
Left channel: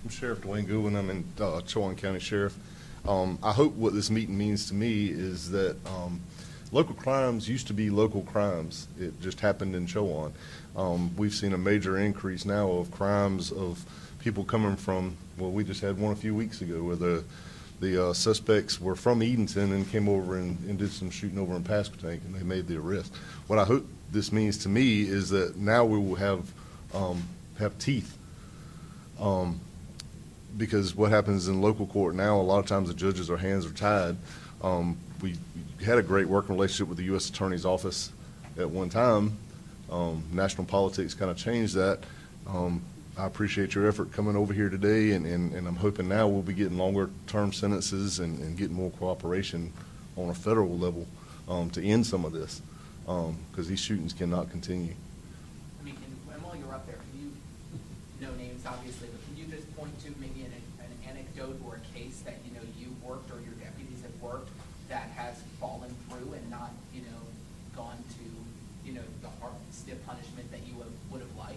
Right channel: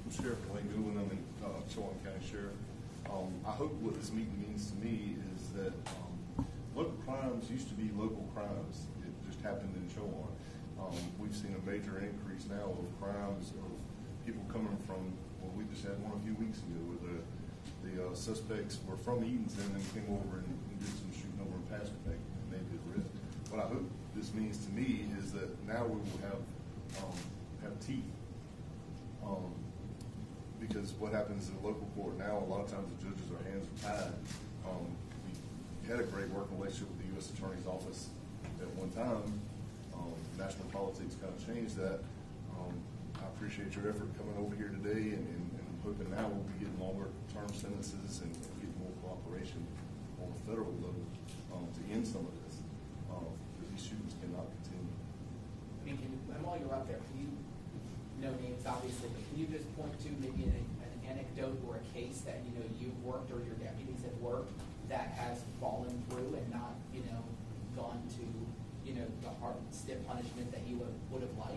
Sheriff Dwayne Goodwin. I'm in Chowan County Sheriff. I hope what this meeting means to me is that local crimes used to be local crimes. It just happened in Chowan. We've seen a major increase now of crimes of people coming from, well, we just had one a few weeks ago where the suspects were from Edenton and came over and did some shooting over in Pasquotank, and they made the arrest. What I hope this means to me is that now we will have teeth. Because what happens in local court now, a lot of times the judges, their hands are tied. We had a great working relationship with the U.S. Attorney's Office at one time. National politics kind of changed that. I appreciate your effort coming over here today, and I'm hoping now we'll be getting longer term sentences and getting more cooperation on a federal level to end some of this, because these shootings cannot continue. I mean, and while you're up there, can you, no names obviously, but can you just point to maybe an anecdote or a case that you've worked or your deputies have worked that has fallen through and not gone to the hard stiff punishment that you would have liked?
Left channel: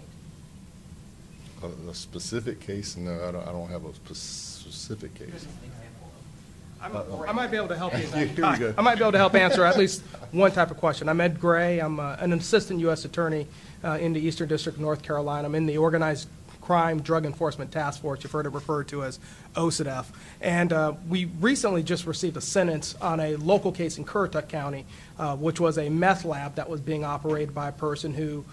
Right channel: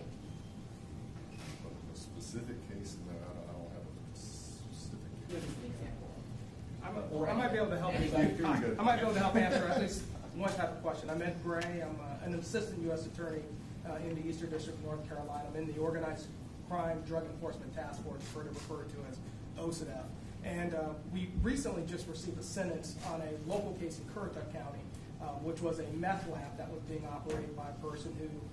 A specific case? No, I don't have a specific case. Just an example. I might be able to help you. Here we go. I might be able to help answer at least one type of question. I'm Ed Gray. I'm an assistant U.S. attorney in the Eastern District of North Carolina. I'm in the Organized Crime Drug Enforcement Task Force. You've heard it referred to as OCDF. And we recently just received a sentence on a local case in Currituck County, which was a meth lab that was being operated by a person who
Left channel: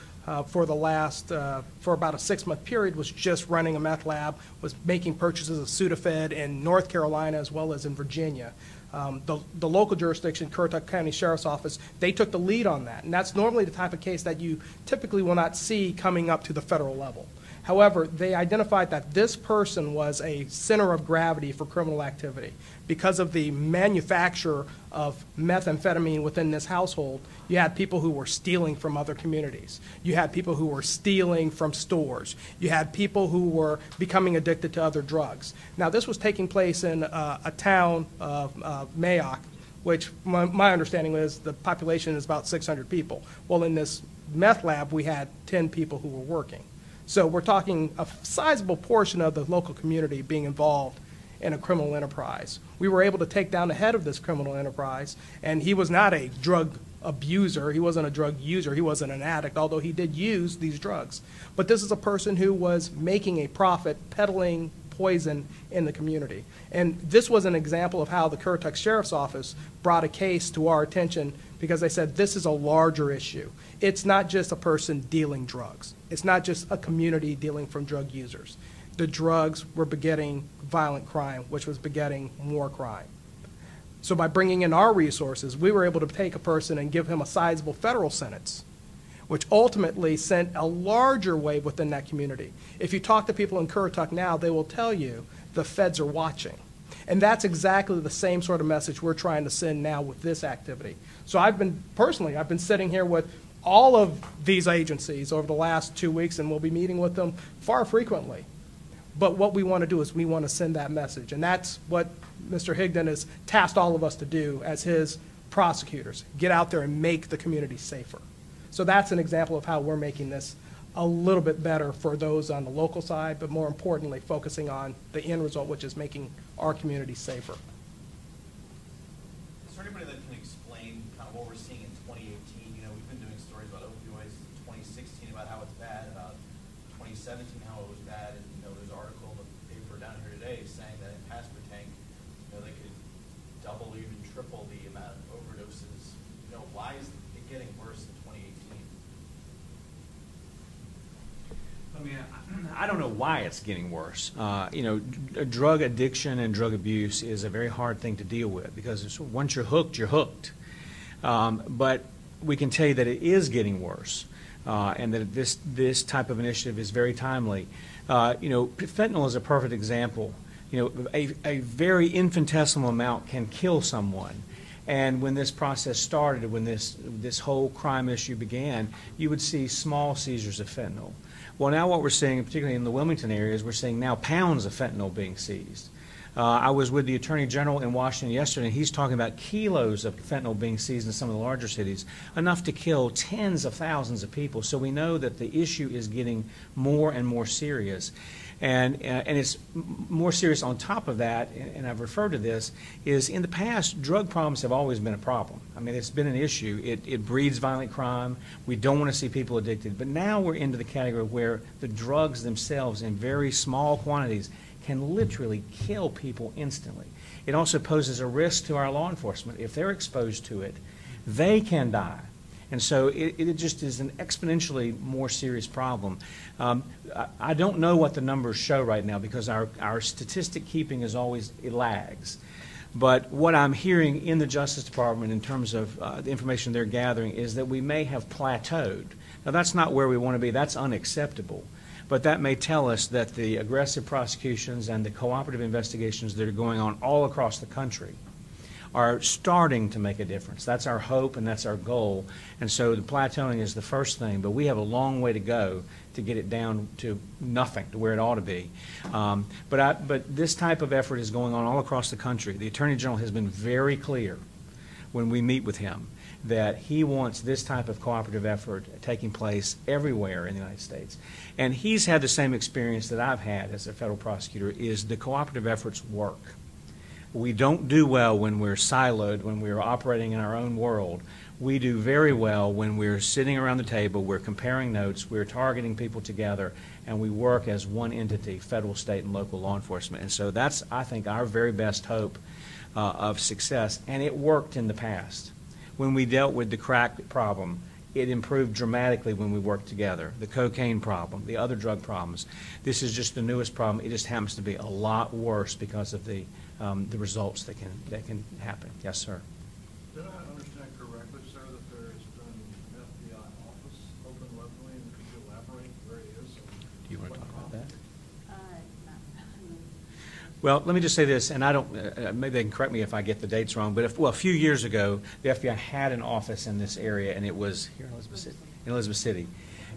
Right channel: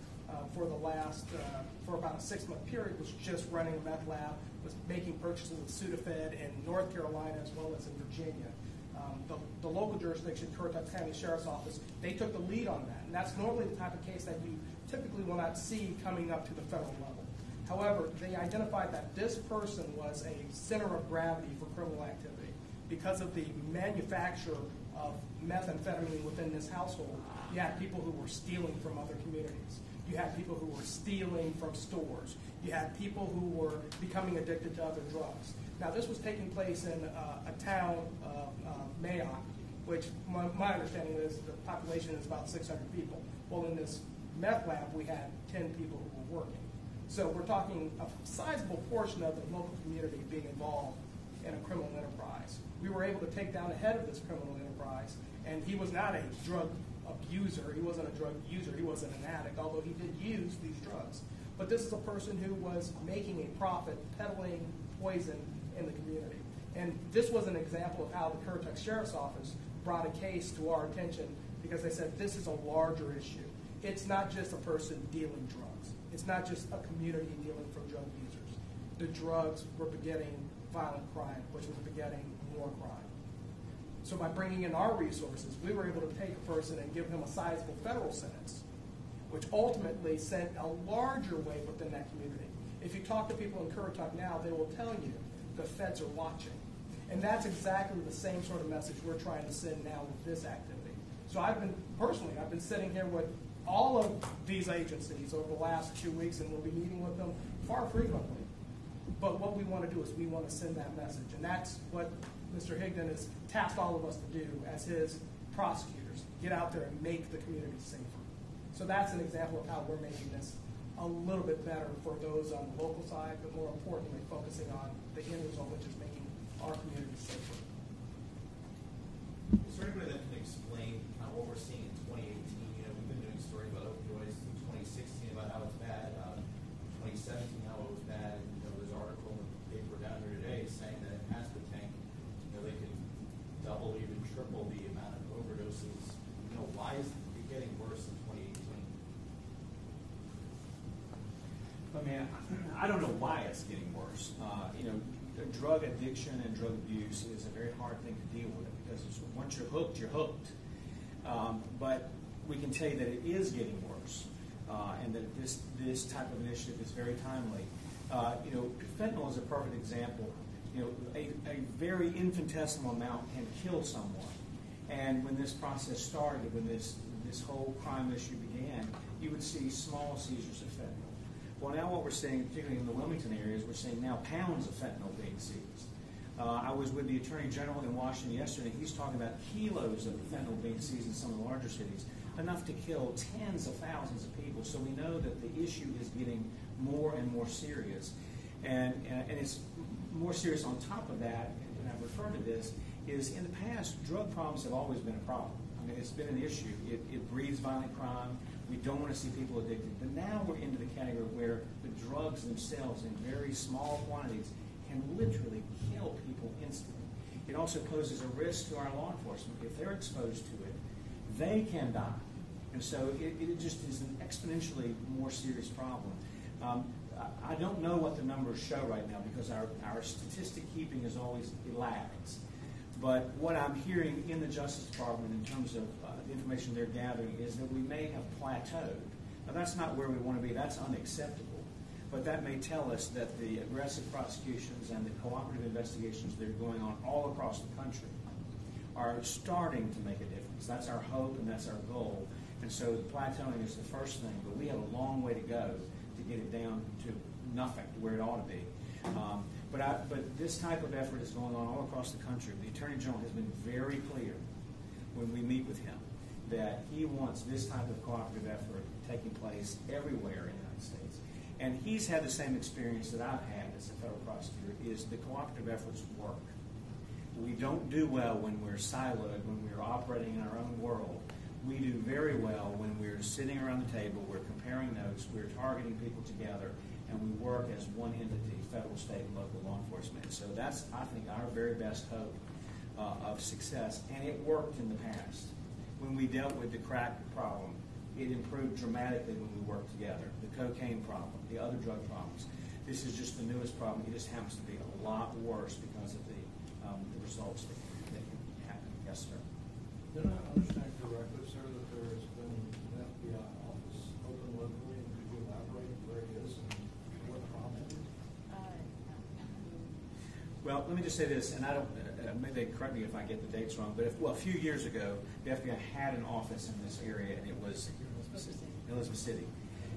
for about a 6-month period was just running a meth lab, was making purchases of Sudafed in North Carolina as well as in Virginia. The local jurisdiction, Currituck County Sheriff's Office, they took the lead on that. And that's normally the type of case that you typically will not see coming up to the federal level. However, they identified that this person was a center of gravity for criminal activity. Because of the manufacture of methamphetamine within this household, you had people who were stealing from other communities. You had people who were stealing from stores. You had people who were becoming addicted to other drugs. Now, this was taking place in a town of Mayock, which my understanding is the population is about 600 people. Well, in this meth lab, we had 10 people who were working. So we're talking a sizable portion of the local community being involved in a criminal enterprise. We were able to take down the head of this criminal enterprise, and he was not a drug abuser. He wasn't a drug user. He wasn't an addict, although he did use these drugs. But this is a person who was making a profit peddling poison in the community. And this was an example of how the Currituck Sheriff's Office brought a case to our attention because they said this is a larger issue. It's not just a person dealing drugs. It's not just a community dealing from drug users. The drugs were begetting violent crime, which was begetting more crime. So by bringing in our resources, we were able to take a person and give him a sizable federal sentence, which ultimately sent a larger wave within that community. If you talk to people in Currituck now, they will tell you the feds are watching. And that's exactly the same sort of message we're trying to send now with this activity. So I've been sitting here with all of these agencies over the last 2 weeks, and we'll be meeting with them far frequently. But what we want to do is we want to send that message. And that's what Mr. Higdon has tasked all of us to do as his prosecutors, get out there and make the community safer. So that's an example of how we're making this a little bit better for those on the local side, but more importantly, focusing on the end result, which is making our community safer. Is there anybody that can explain kind of what we're seeing in 2018? You know, we've been doing stories about opioids in 2016 about how it's bad, about 2017 how it was bad, and there's an article in the paper down here today saying that in Pasquotank I don't know why it's getting worse. Drug addiction and drug abuse is a very hard thing to deal with because once you're hooked, you're hooked. But we can tell you that it is getting worse, and that this type of initiative is very timely. Fentanyl is a perfect example. A very infinitesimal amount can kill someone. And when this process started, when this whole crime issue began, you would see small seizures of fentanyl. Well, now what we're seeing, particularly in the Wilmington area, is we're seeing now pounds of fentanyl being seized. I was with the Attorney General in Washington yesterday, and he's talking about kilos of fentanyl being seized in some of the larger cities, enough to kill tens of thousands of people. So we know that the issue is getting more and more serious. And it's more serious on top of that, and I've referred to this, is in the past, drug problems have always been a problem. I mean, it's been an issue. It breeds violent crime. We don't want to see people addicted. But now we're into the category where the drugs themselves in very small quantities can literally kill people instantly. It also poses a risk to our law enforcement. If they're exposed to it, they can die. And so it just is an exponentially more serious problem. I don't know what the numbers show right now because our statistic keeping is always, it lags. But what I'm hearing in the Justice Department in terms of the information they're gathering is that we may have plateaued. Now that's not where we want to be, that's unacceptable. But that may tell us that the aggressive prosecutions and the cooperative investigations that are going on all across the country are starting to make a difference. That's our hope and that's our goal. And so the plateauing is the first thing, but we have a long way to go to get it down to nothing, to where it ought to be. But this type of effort is going on all across the country. The Attorney General has been very clear when we meet with him that he wants this type of cooperative effort taking place everywhere in the United States. And he's had the same experience that I've had as a federal prosecutor, is the cooperative efforts work. We don't do well when we're siloed, when we're operating in our own world. We do very well when we're sitting around the table, we're comparing notes, we're targeting people together, and we work as one entity, federal, state, and local law enforcement. And so that's, I think, our very best hope of success. And it worked in the past. When we dealt with the crack problem, it improved dramatically when we worked together. The cocaine problem, the other drug problems. This is just the newest problem. It just happens to be a lot worse because of the results that can happen. Yes, sir. Did I understand correctly, sir, that there has been an FBI office open locally, and could you elaborate where it is? You want to talk about that? Well, let me just say this, and I don't, maybe they can correct me if I get the dates wrong, but a few years ago, the FBI had an office in this area, and it was here in Elizabeth City.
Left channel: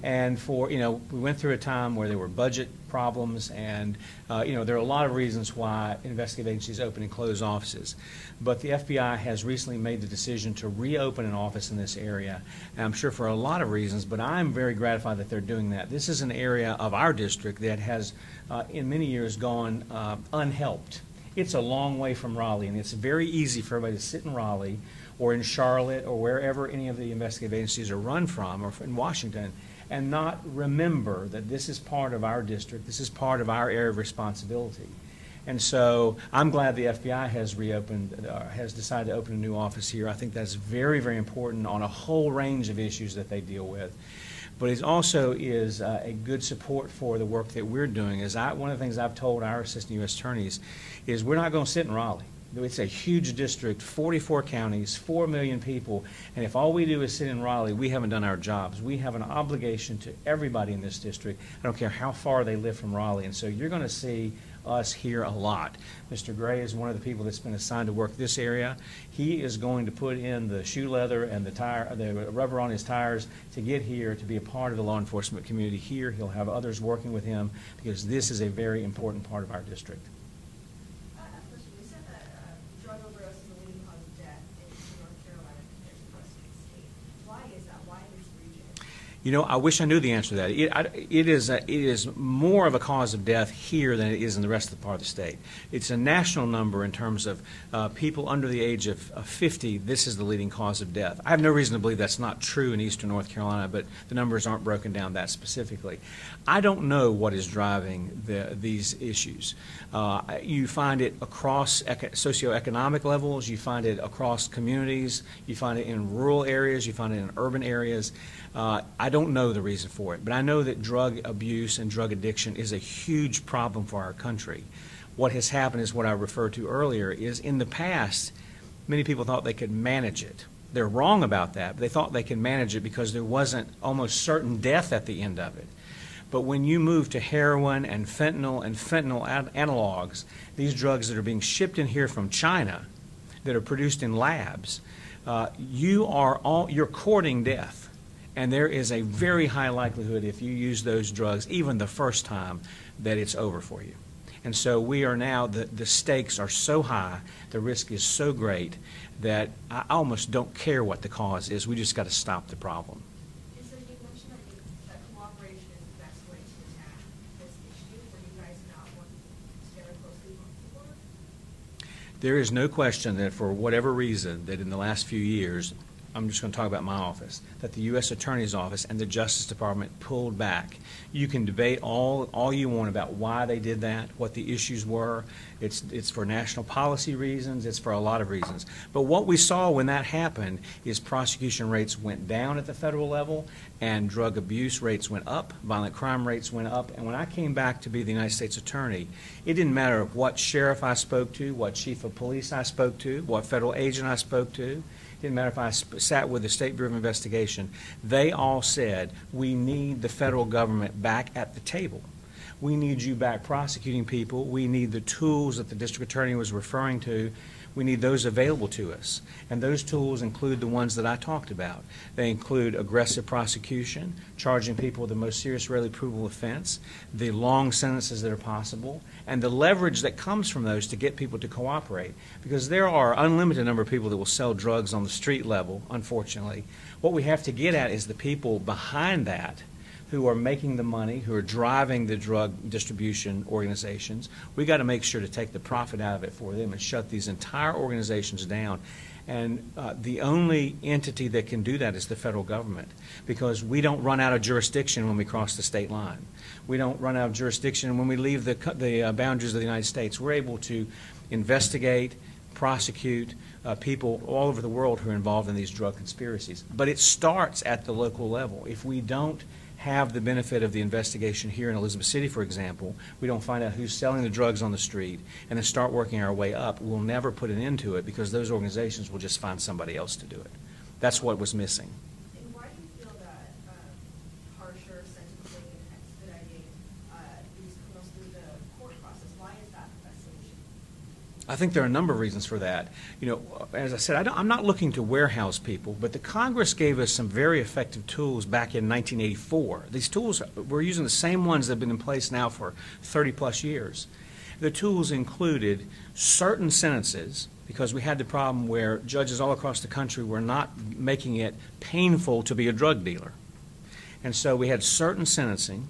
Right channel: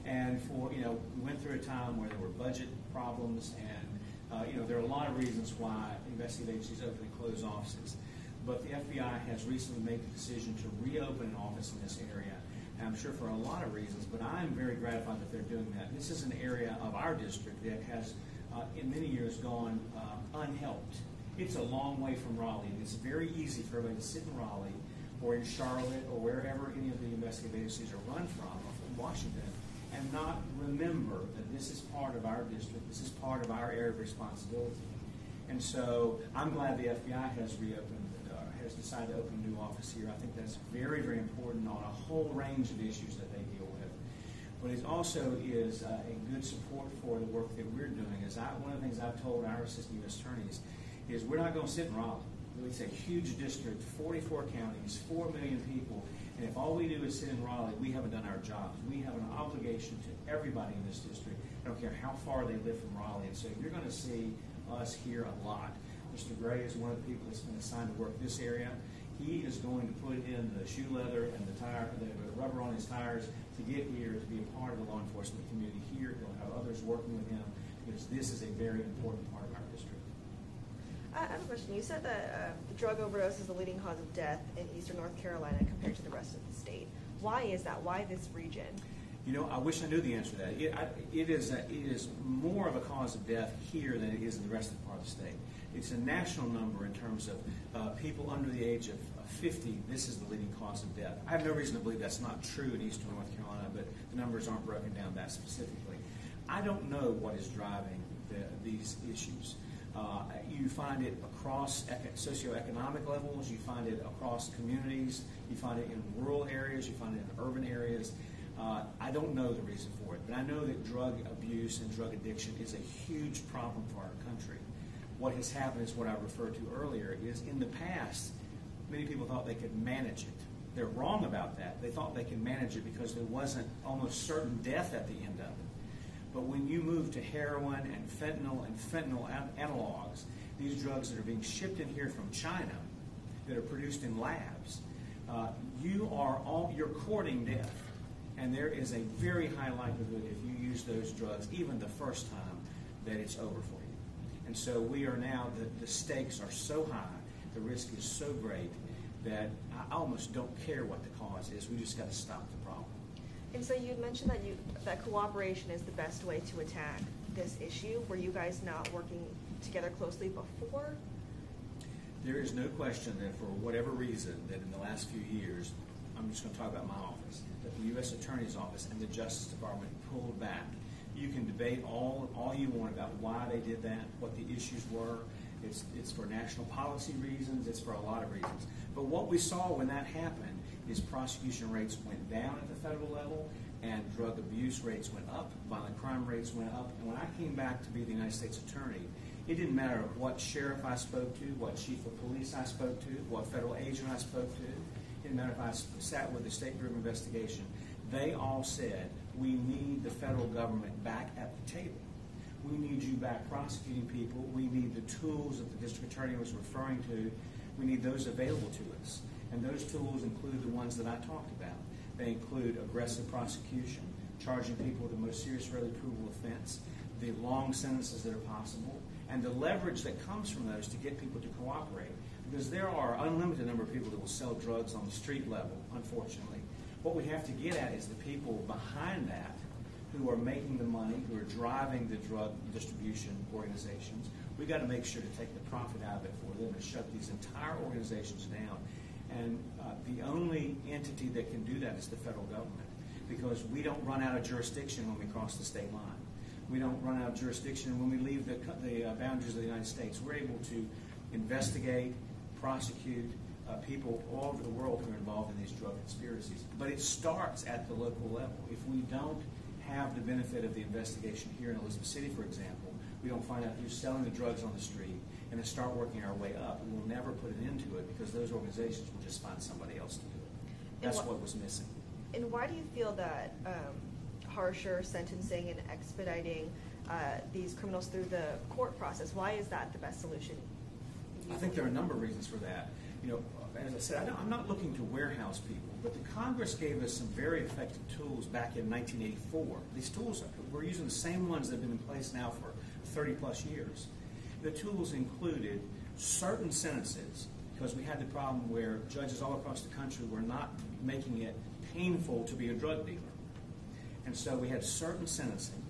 And we went through a time where there were budget problems, and there are a lot of reasons why investigative agencies open and close offices. But the FBI has recently made the decision to reopen an office in this area, and I'm sure for a lot of reasons, but I'm very gratified that they're doing that. This is an area of our district that has, in many years, gone unhelped. It's a long way from Raleigh, and it's very easy for everybody to sit in Raleigh or in Charlotte or wherever any of the investigative agencies are run from, or in Washington, and not remember that this is part of our district, this is part of our area of responsibility. And so I'm glad the FBI has has decided to open a new office here. I think that's very, very important on a whole range of issues that they deal with. But it also is a good support for the work that we're doing. One of the things I've told our assistant U.S. attorneys is we're not going to sit in Raleigh. It's a huge district, 44 counties, 4 million people, and if all we do is sit in Raleigh, we haven't done our jobs. We have an obligation to everybody in this district. I don't care how far they live from Raleigh, and so you're going to see us here a lot. Mr. Gray is one of the people that's been assigned to work this area. He is going to put in the shoe leather and the rubber on his tires to get here to be a part of the law enforcement community here. He'll have others working with him because this is a very important part of our district. I have a question. You said that drug overdose is the leading cause of death in eastern North Carolina compared to the rest of the state. Why is that? Why this region? I wish I knew the answer to that. It is more of a cause of death here than it is in the rest of the part of the state. It's a national number in terms of people under the age of 50. This is the leading cause of death. I have no reason to believe that's not true in eastern North Carolina, but the numbers aren't broken down that specifically. I don't know what is driving these issues. You find it across socioeconomic levels. You find it across communities. You find it in rural areas. You find it in urban areas. I don't know the reason for it, but I know that drug abuse and drug addiction is a huge problem for our country. What has happened is what I referred to earlier, is in the past, many people thought they could manage it. They're wrong about that, but they thought they could manage it because there wasn't almost certain death at the end of it. But when you move to heroin and fentanyl analogs, these drugs that are being shipped in here from China, that are produced in labs, you're courting death. And there is a very high likelihood, if you use those drugs, even the first time, that it's over for you. And so we are now, the stakes are so high, the risk is so great, that I almost don't care what the cause is. We just got to stop the problem. And so you mentioned that cooperation is the best way to attack this issue. Were you guys not working together closely before? There is no question that for whatever reason, that in the last few years, I'm just going to talk about my office, that the U.S. Attorney's Office and the Justice Department pulled back. You can debate all you want about why they did that, what the issues were. It's for national policy reasons. It's for a lot of reasons. But what we saw when that happened is prosecution rates went down at the federal level, and drug abuse rates went up, violent crime rates went up. And when I came back to be the United States Attorney, it didn't matter what sheriff I spoke to, what chief of police I spoke to, what federal agent I spoke to. Didn't matter if I sat with the State Bureau of Investigation. They all said, we need the federal government back at the table. We need you back prosecuting people. We need the tools that the district attorney was referring to. We need those available to us. And those tools include the ones that I talked about. They include aggressive prosecution, charging people with the most serious, readily provable offense, the long sentences that are possible, and the leverage that comes from those to get people to cooperate. Because there are unlimited number of people that will sell drugs on the street level, unfortunately. What we have to get at is the people behind that who are making the money, who are driving the drug distribution organizations. We got to make sure to take the profit out of it for them and shut these entire organizations down. And the only entity that can do that is the federal government, because we don't run out of jurisdiction when we cross the state line. We don't run out of jurisdiction when we leave the boundaries of the United States. We're able to investigate, prosecute people all over the world who are involved in these drug conspiracies. But it starts at the local level. If we don't have the benefit of the investigation here in Elizabeth City, for example, we don't find out who's selling the drugs on the street and then start working our way up, we'll never put an end to it, because those organizations will just find somebody else to do it. That's what was missing. And why do you feel that harsher sentencing and expediting these criminals through the court process, why is that the best solution? I think there are a number of reasons for that. You know, as I said, I'm not looking to warehouse people, but the Congress gave us some very effective tools back in 1984. These tools, we're using the same ones that have been in place now for 30-plus years. The tools included certain sentences, because we had the problem where judges all across the country were not making it painful to be a drug dealer. And so we had certain sentencing.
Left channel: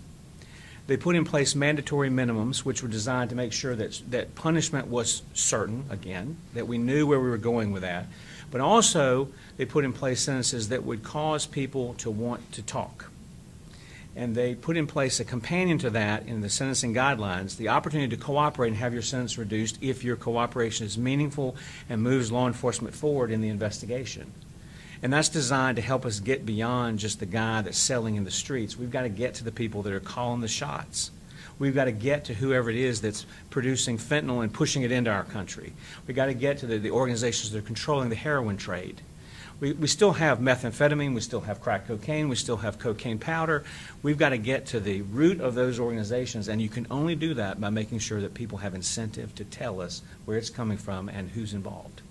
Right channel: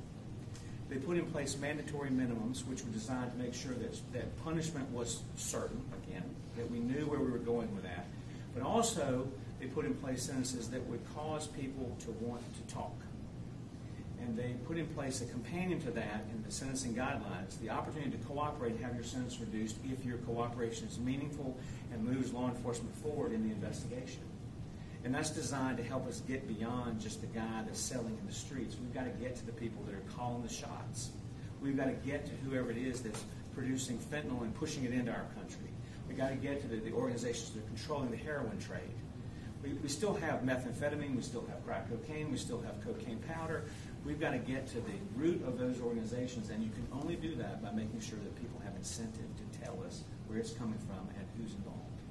They put in place mandatory minimums, which were designed to make sure that punishment was certain, again, that we knew where we were going with that. But also, they put in place sentences that would cause people to want to talk. And they put in place a companion to that in the sentencing guidelines, the opportunity to cooperate and have your sentence reduced if your cooperation is meaningful and moves law enforcement forward in the investigation. And that's designed to help us get beyond just the guy that's selling in the streets. We've got to get to the people that are calling the shots. We've got to get to whoever it is that's producing fentanyl and pushing it into our country. We've got to get to the organizations that are controlling the heroin trade. We still have methamphetamine, we still have crack cocaine, we still have cocaine powder. We've got to get to the root of those organizations, and you can only do that by making sure that people have incentive to tell us where it's coming from and who's involved.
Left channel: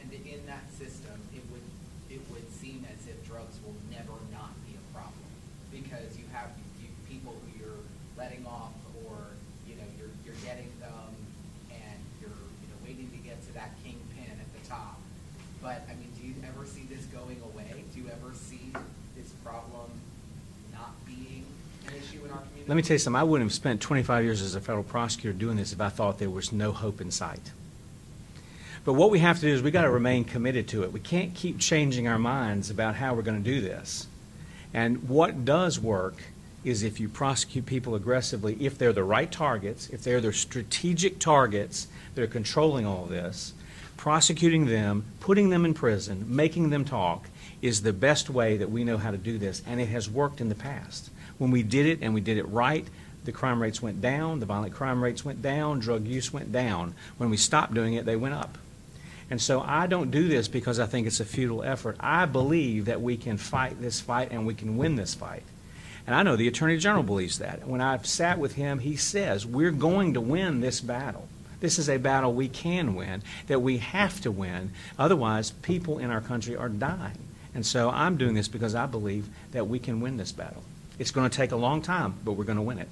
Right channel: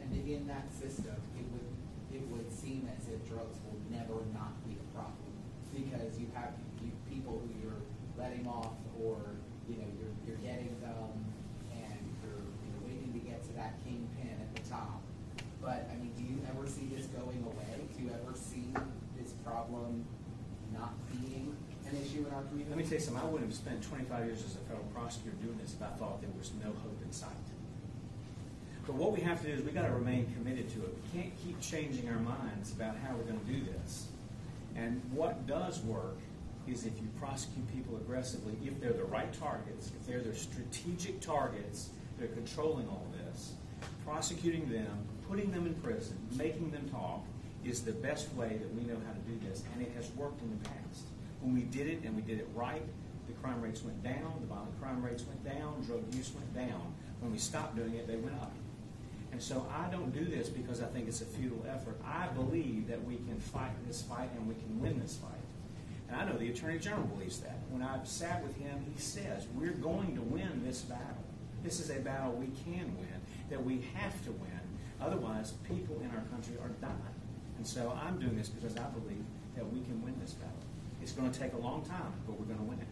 And in that system, it would seem as if drugs will never not be a problem, because you have people who you're letting off, or you're getting them, and you're waiting to get to that kingpin at the top. But I mean, do you ever see this going away? Do you ever see this problem not being an issue in our community? Let me tell you something. I wouldn't have spent 25 years as a federal prosecutor doing this if I thought there was no hope in sight. But what we have to do is we've got to remain committed to it. We can't keep changing our minds about how we're going to do this. And what does work is if you prosecute people aggressively, if they're the right targets, if they're the strategic targets that are controlling all of this, prosecuting them, putting them in prison, making them talk is the best way that we know how to do this, and it has worked in the past. When we did it and we did it right, the crime rates went down, the violent crime rates went down, drug use went down. When we stopped doing it, they went up. And so I don't do this because I think it's a futile effort. I believe that we can fight this fight and we can win this fight. And I know the Attorney General believes that. When I've sat with him, he says, we're going to win this battle. This is a battle we can win, that we have to win. Otherwise, people in our country are dying. And so I'm doing this because I believe that we can win this battle. It's going to take a long time, but we're going to win it.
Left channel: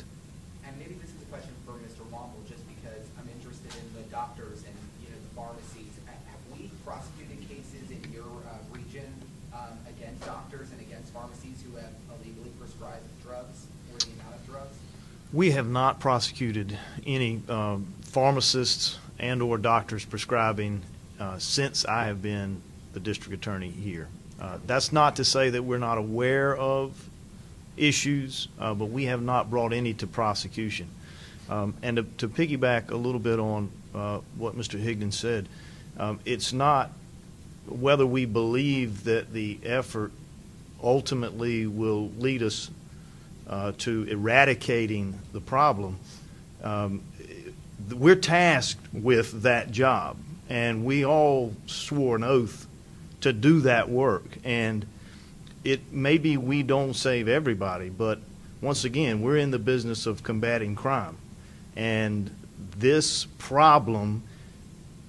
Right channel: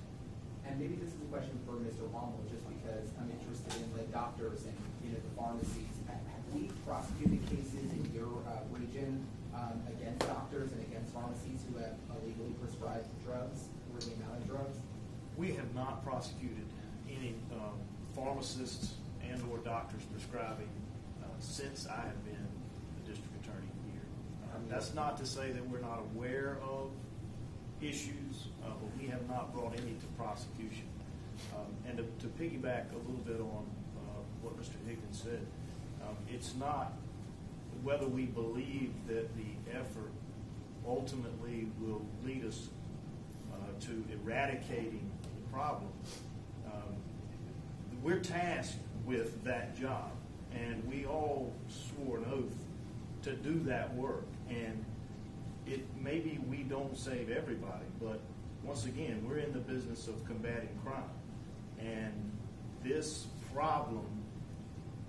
And maybe this is a question for Mr. Womble, just because I'm interested in the doctors and the pharmacies. Have we prosecuted cases in your region against doctors and against pharmacies who have illegally prescribed drugs or the amount of drugs? We have not prosecuted any pharmacists and or doctors prescribing since I have been the district attorney here. That's not to say that we're not aware of issues, but we have not brought any to prosecution. And to piggyback a little bit on what Mr. Higdon said, it's not whether we believe that the effort ultimately will lead us to eradicating the problem. We're tasked with that job, and we all swore an oath to do that work. And it maybe we don't save everybody, but once again, we're in the business of combating crime. And this problem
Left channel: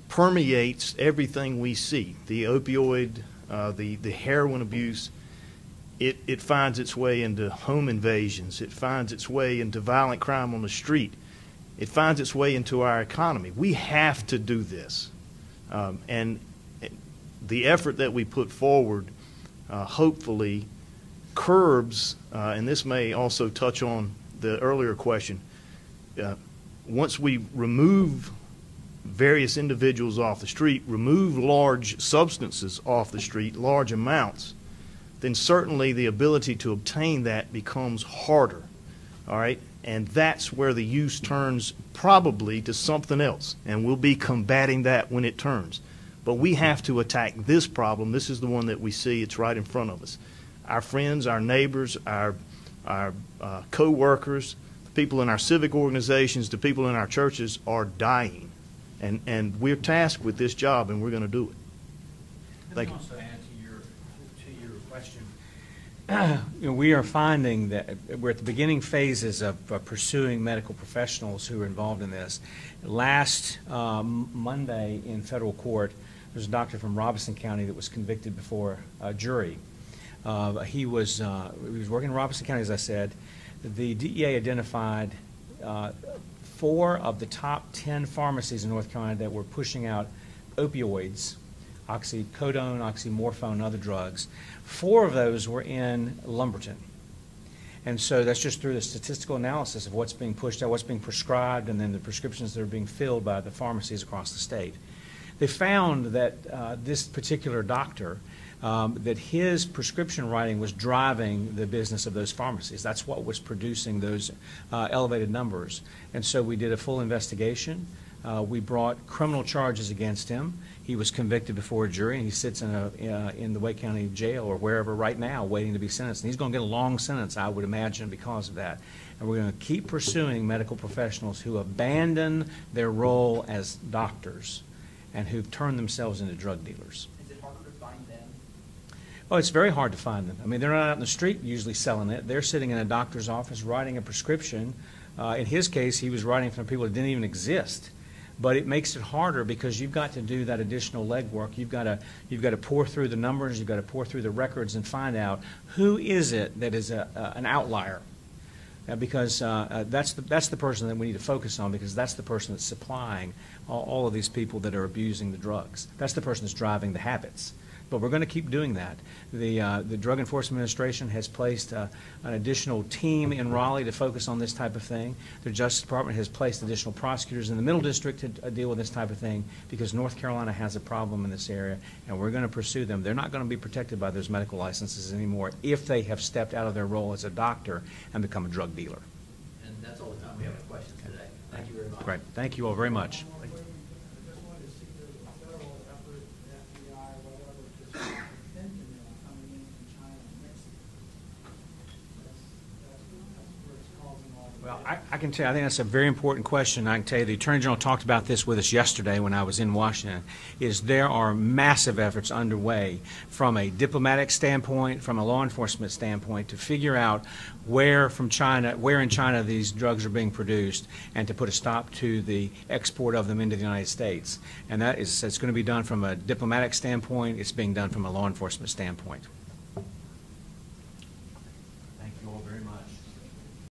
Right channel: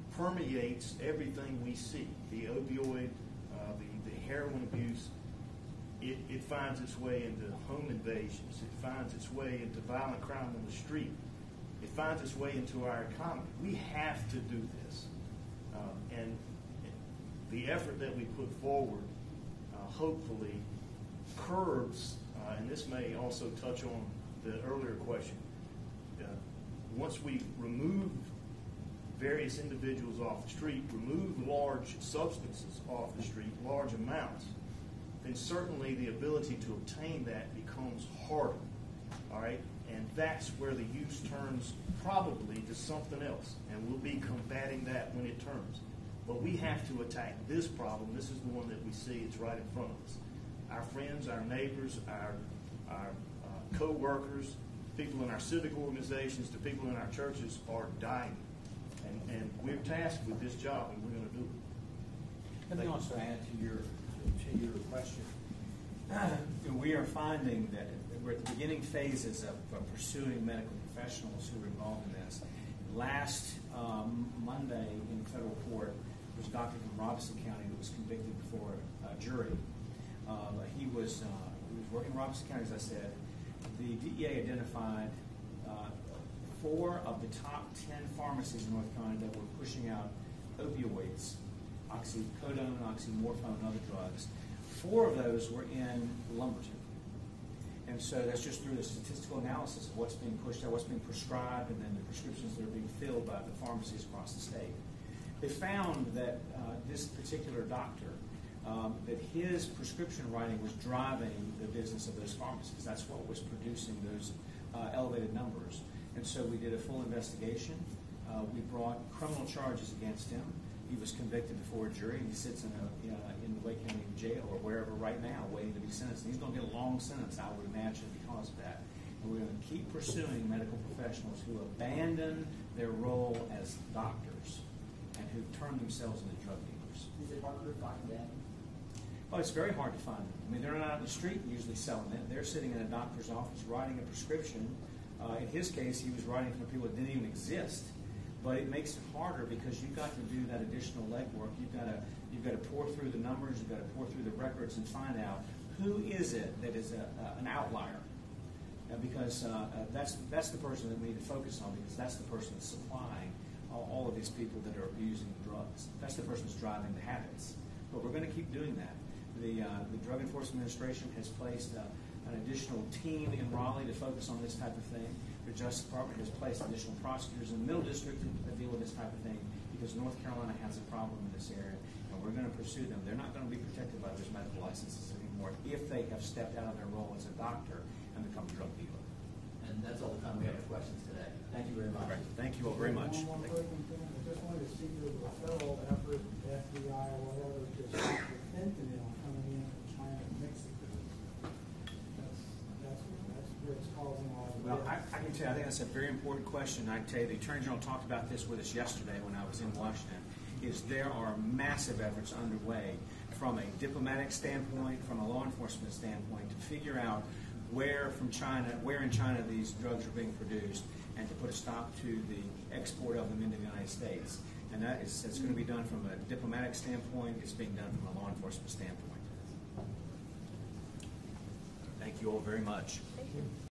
permeates everything we see. The opioid, the heroin abuse, it finds its way into home invasions. It finds its way into violent crime on the street. It finds its way into our economy. We have to do this. And the effort that we put forward hopefully curbs, and this may also touch on the earlier question, once we remove various individuals off the street, remove large substances off the street, large amounts, then certainly the ability to obtain that becomes harder, all right? And that's where the use turns probably to something else, and we'll be combating that when it turns. But we have to attack this problem. This is the one that we see. It's right in front of us. Our friends, our neighbors, our co-workers, the people in our civic organizations, the people in our churches are dying. And we're tasked with this job, and we're going to do it. Let me also add to your question. We are finding that we're at the beginning phases of pursuing medical professionals who are involved in this. Last Monday in federal court, there was a doctor from Robeson County that was convicted before a jury. He was working in Robeson County, as I said. The DEA identified 4 of the top 10 pharmacies in North Carolina that were pushing out opioids, oxycodone, oxymorphone, and other drugs. 4 of those were in Lumberton. And so that's just through the statistical analysis of what's being pushed out, what's being prescribed, and then the prescriptions that are being filled by the pharmacies across the state. They found that this particular doctor, that his prescription writing was driving the business of those pharmacies. That's what was producing those elevated numbers. And so we did a full investigation. We brought criminal charges against him. He was convicted before a jury, and he sits in the Wake County Jail or wherever right now waiting to be sentenced. And he's going to get a long sentence, I would imagine, because of that. And we're going to keep pursuing medical professionals who abandon their role as doctors and who've turned themselves into drug dealers. Is it harder to find them? Oh, it's very hard to find them. I mean, they're not out in the street usually selling it. They're sitting in a doctor's office writing a prescription. In his case, he was writing from people that didn't even exist. But it makes it harder because you've got to do that additional legwork. You've got to pour through the numbers. You've got to pour through the records and find out who is it that is an outlier. Because that's the person that we need to focus on, because that's the person that's supplying all of these people that are abusing the drugs. That's the person that's driving the habits. but we're going to keep doing that. The Drug Enforcement Administration has placed an additional team in Raleigh to focus on this type of thing. The Justice Department has placed additional prosecutors in the Middle District to deal with this type of thing because North Carolina has a problem in this area, and we're going to pursue them. They're not going to be protected by those medical licenses anymore if they have stepped out of their role as a doctor and become a drug dealer. And that's all the time we have for questions today. Thank you very much. Right. Thank you all very much. One more quick thing. I just wanted to see if there was a federal effort, the FBI, or whatever, just fentanyl coming in from China and Mexico. That's where it's causing a lot of. Well, I can tell you, I think that's a very important question. I can tell you, the Attorney General talked about this with us yesterday when I was in Washington, is there are massive efforts underway from a diplomatic standpoint, from a law enforcement standpoint, to figure out where in China these drugs are being produced and to put a stop to the export of them into the United States. And it's going to be done from a diplomatic standpoint. It's being done from a law enforcement standpoint. Thank you all very much.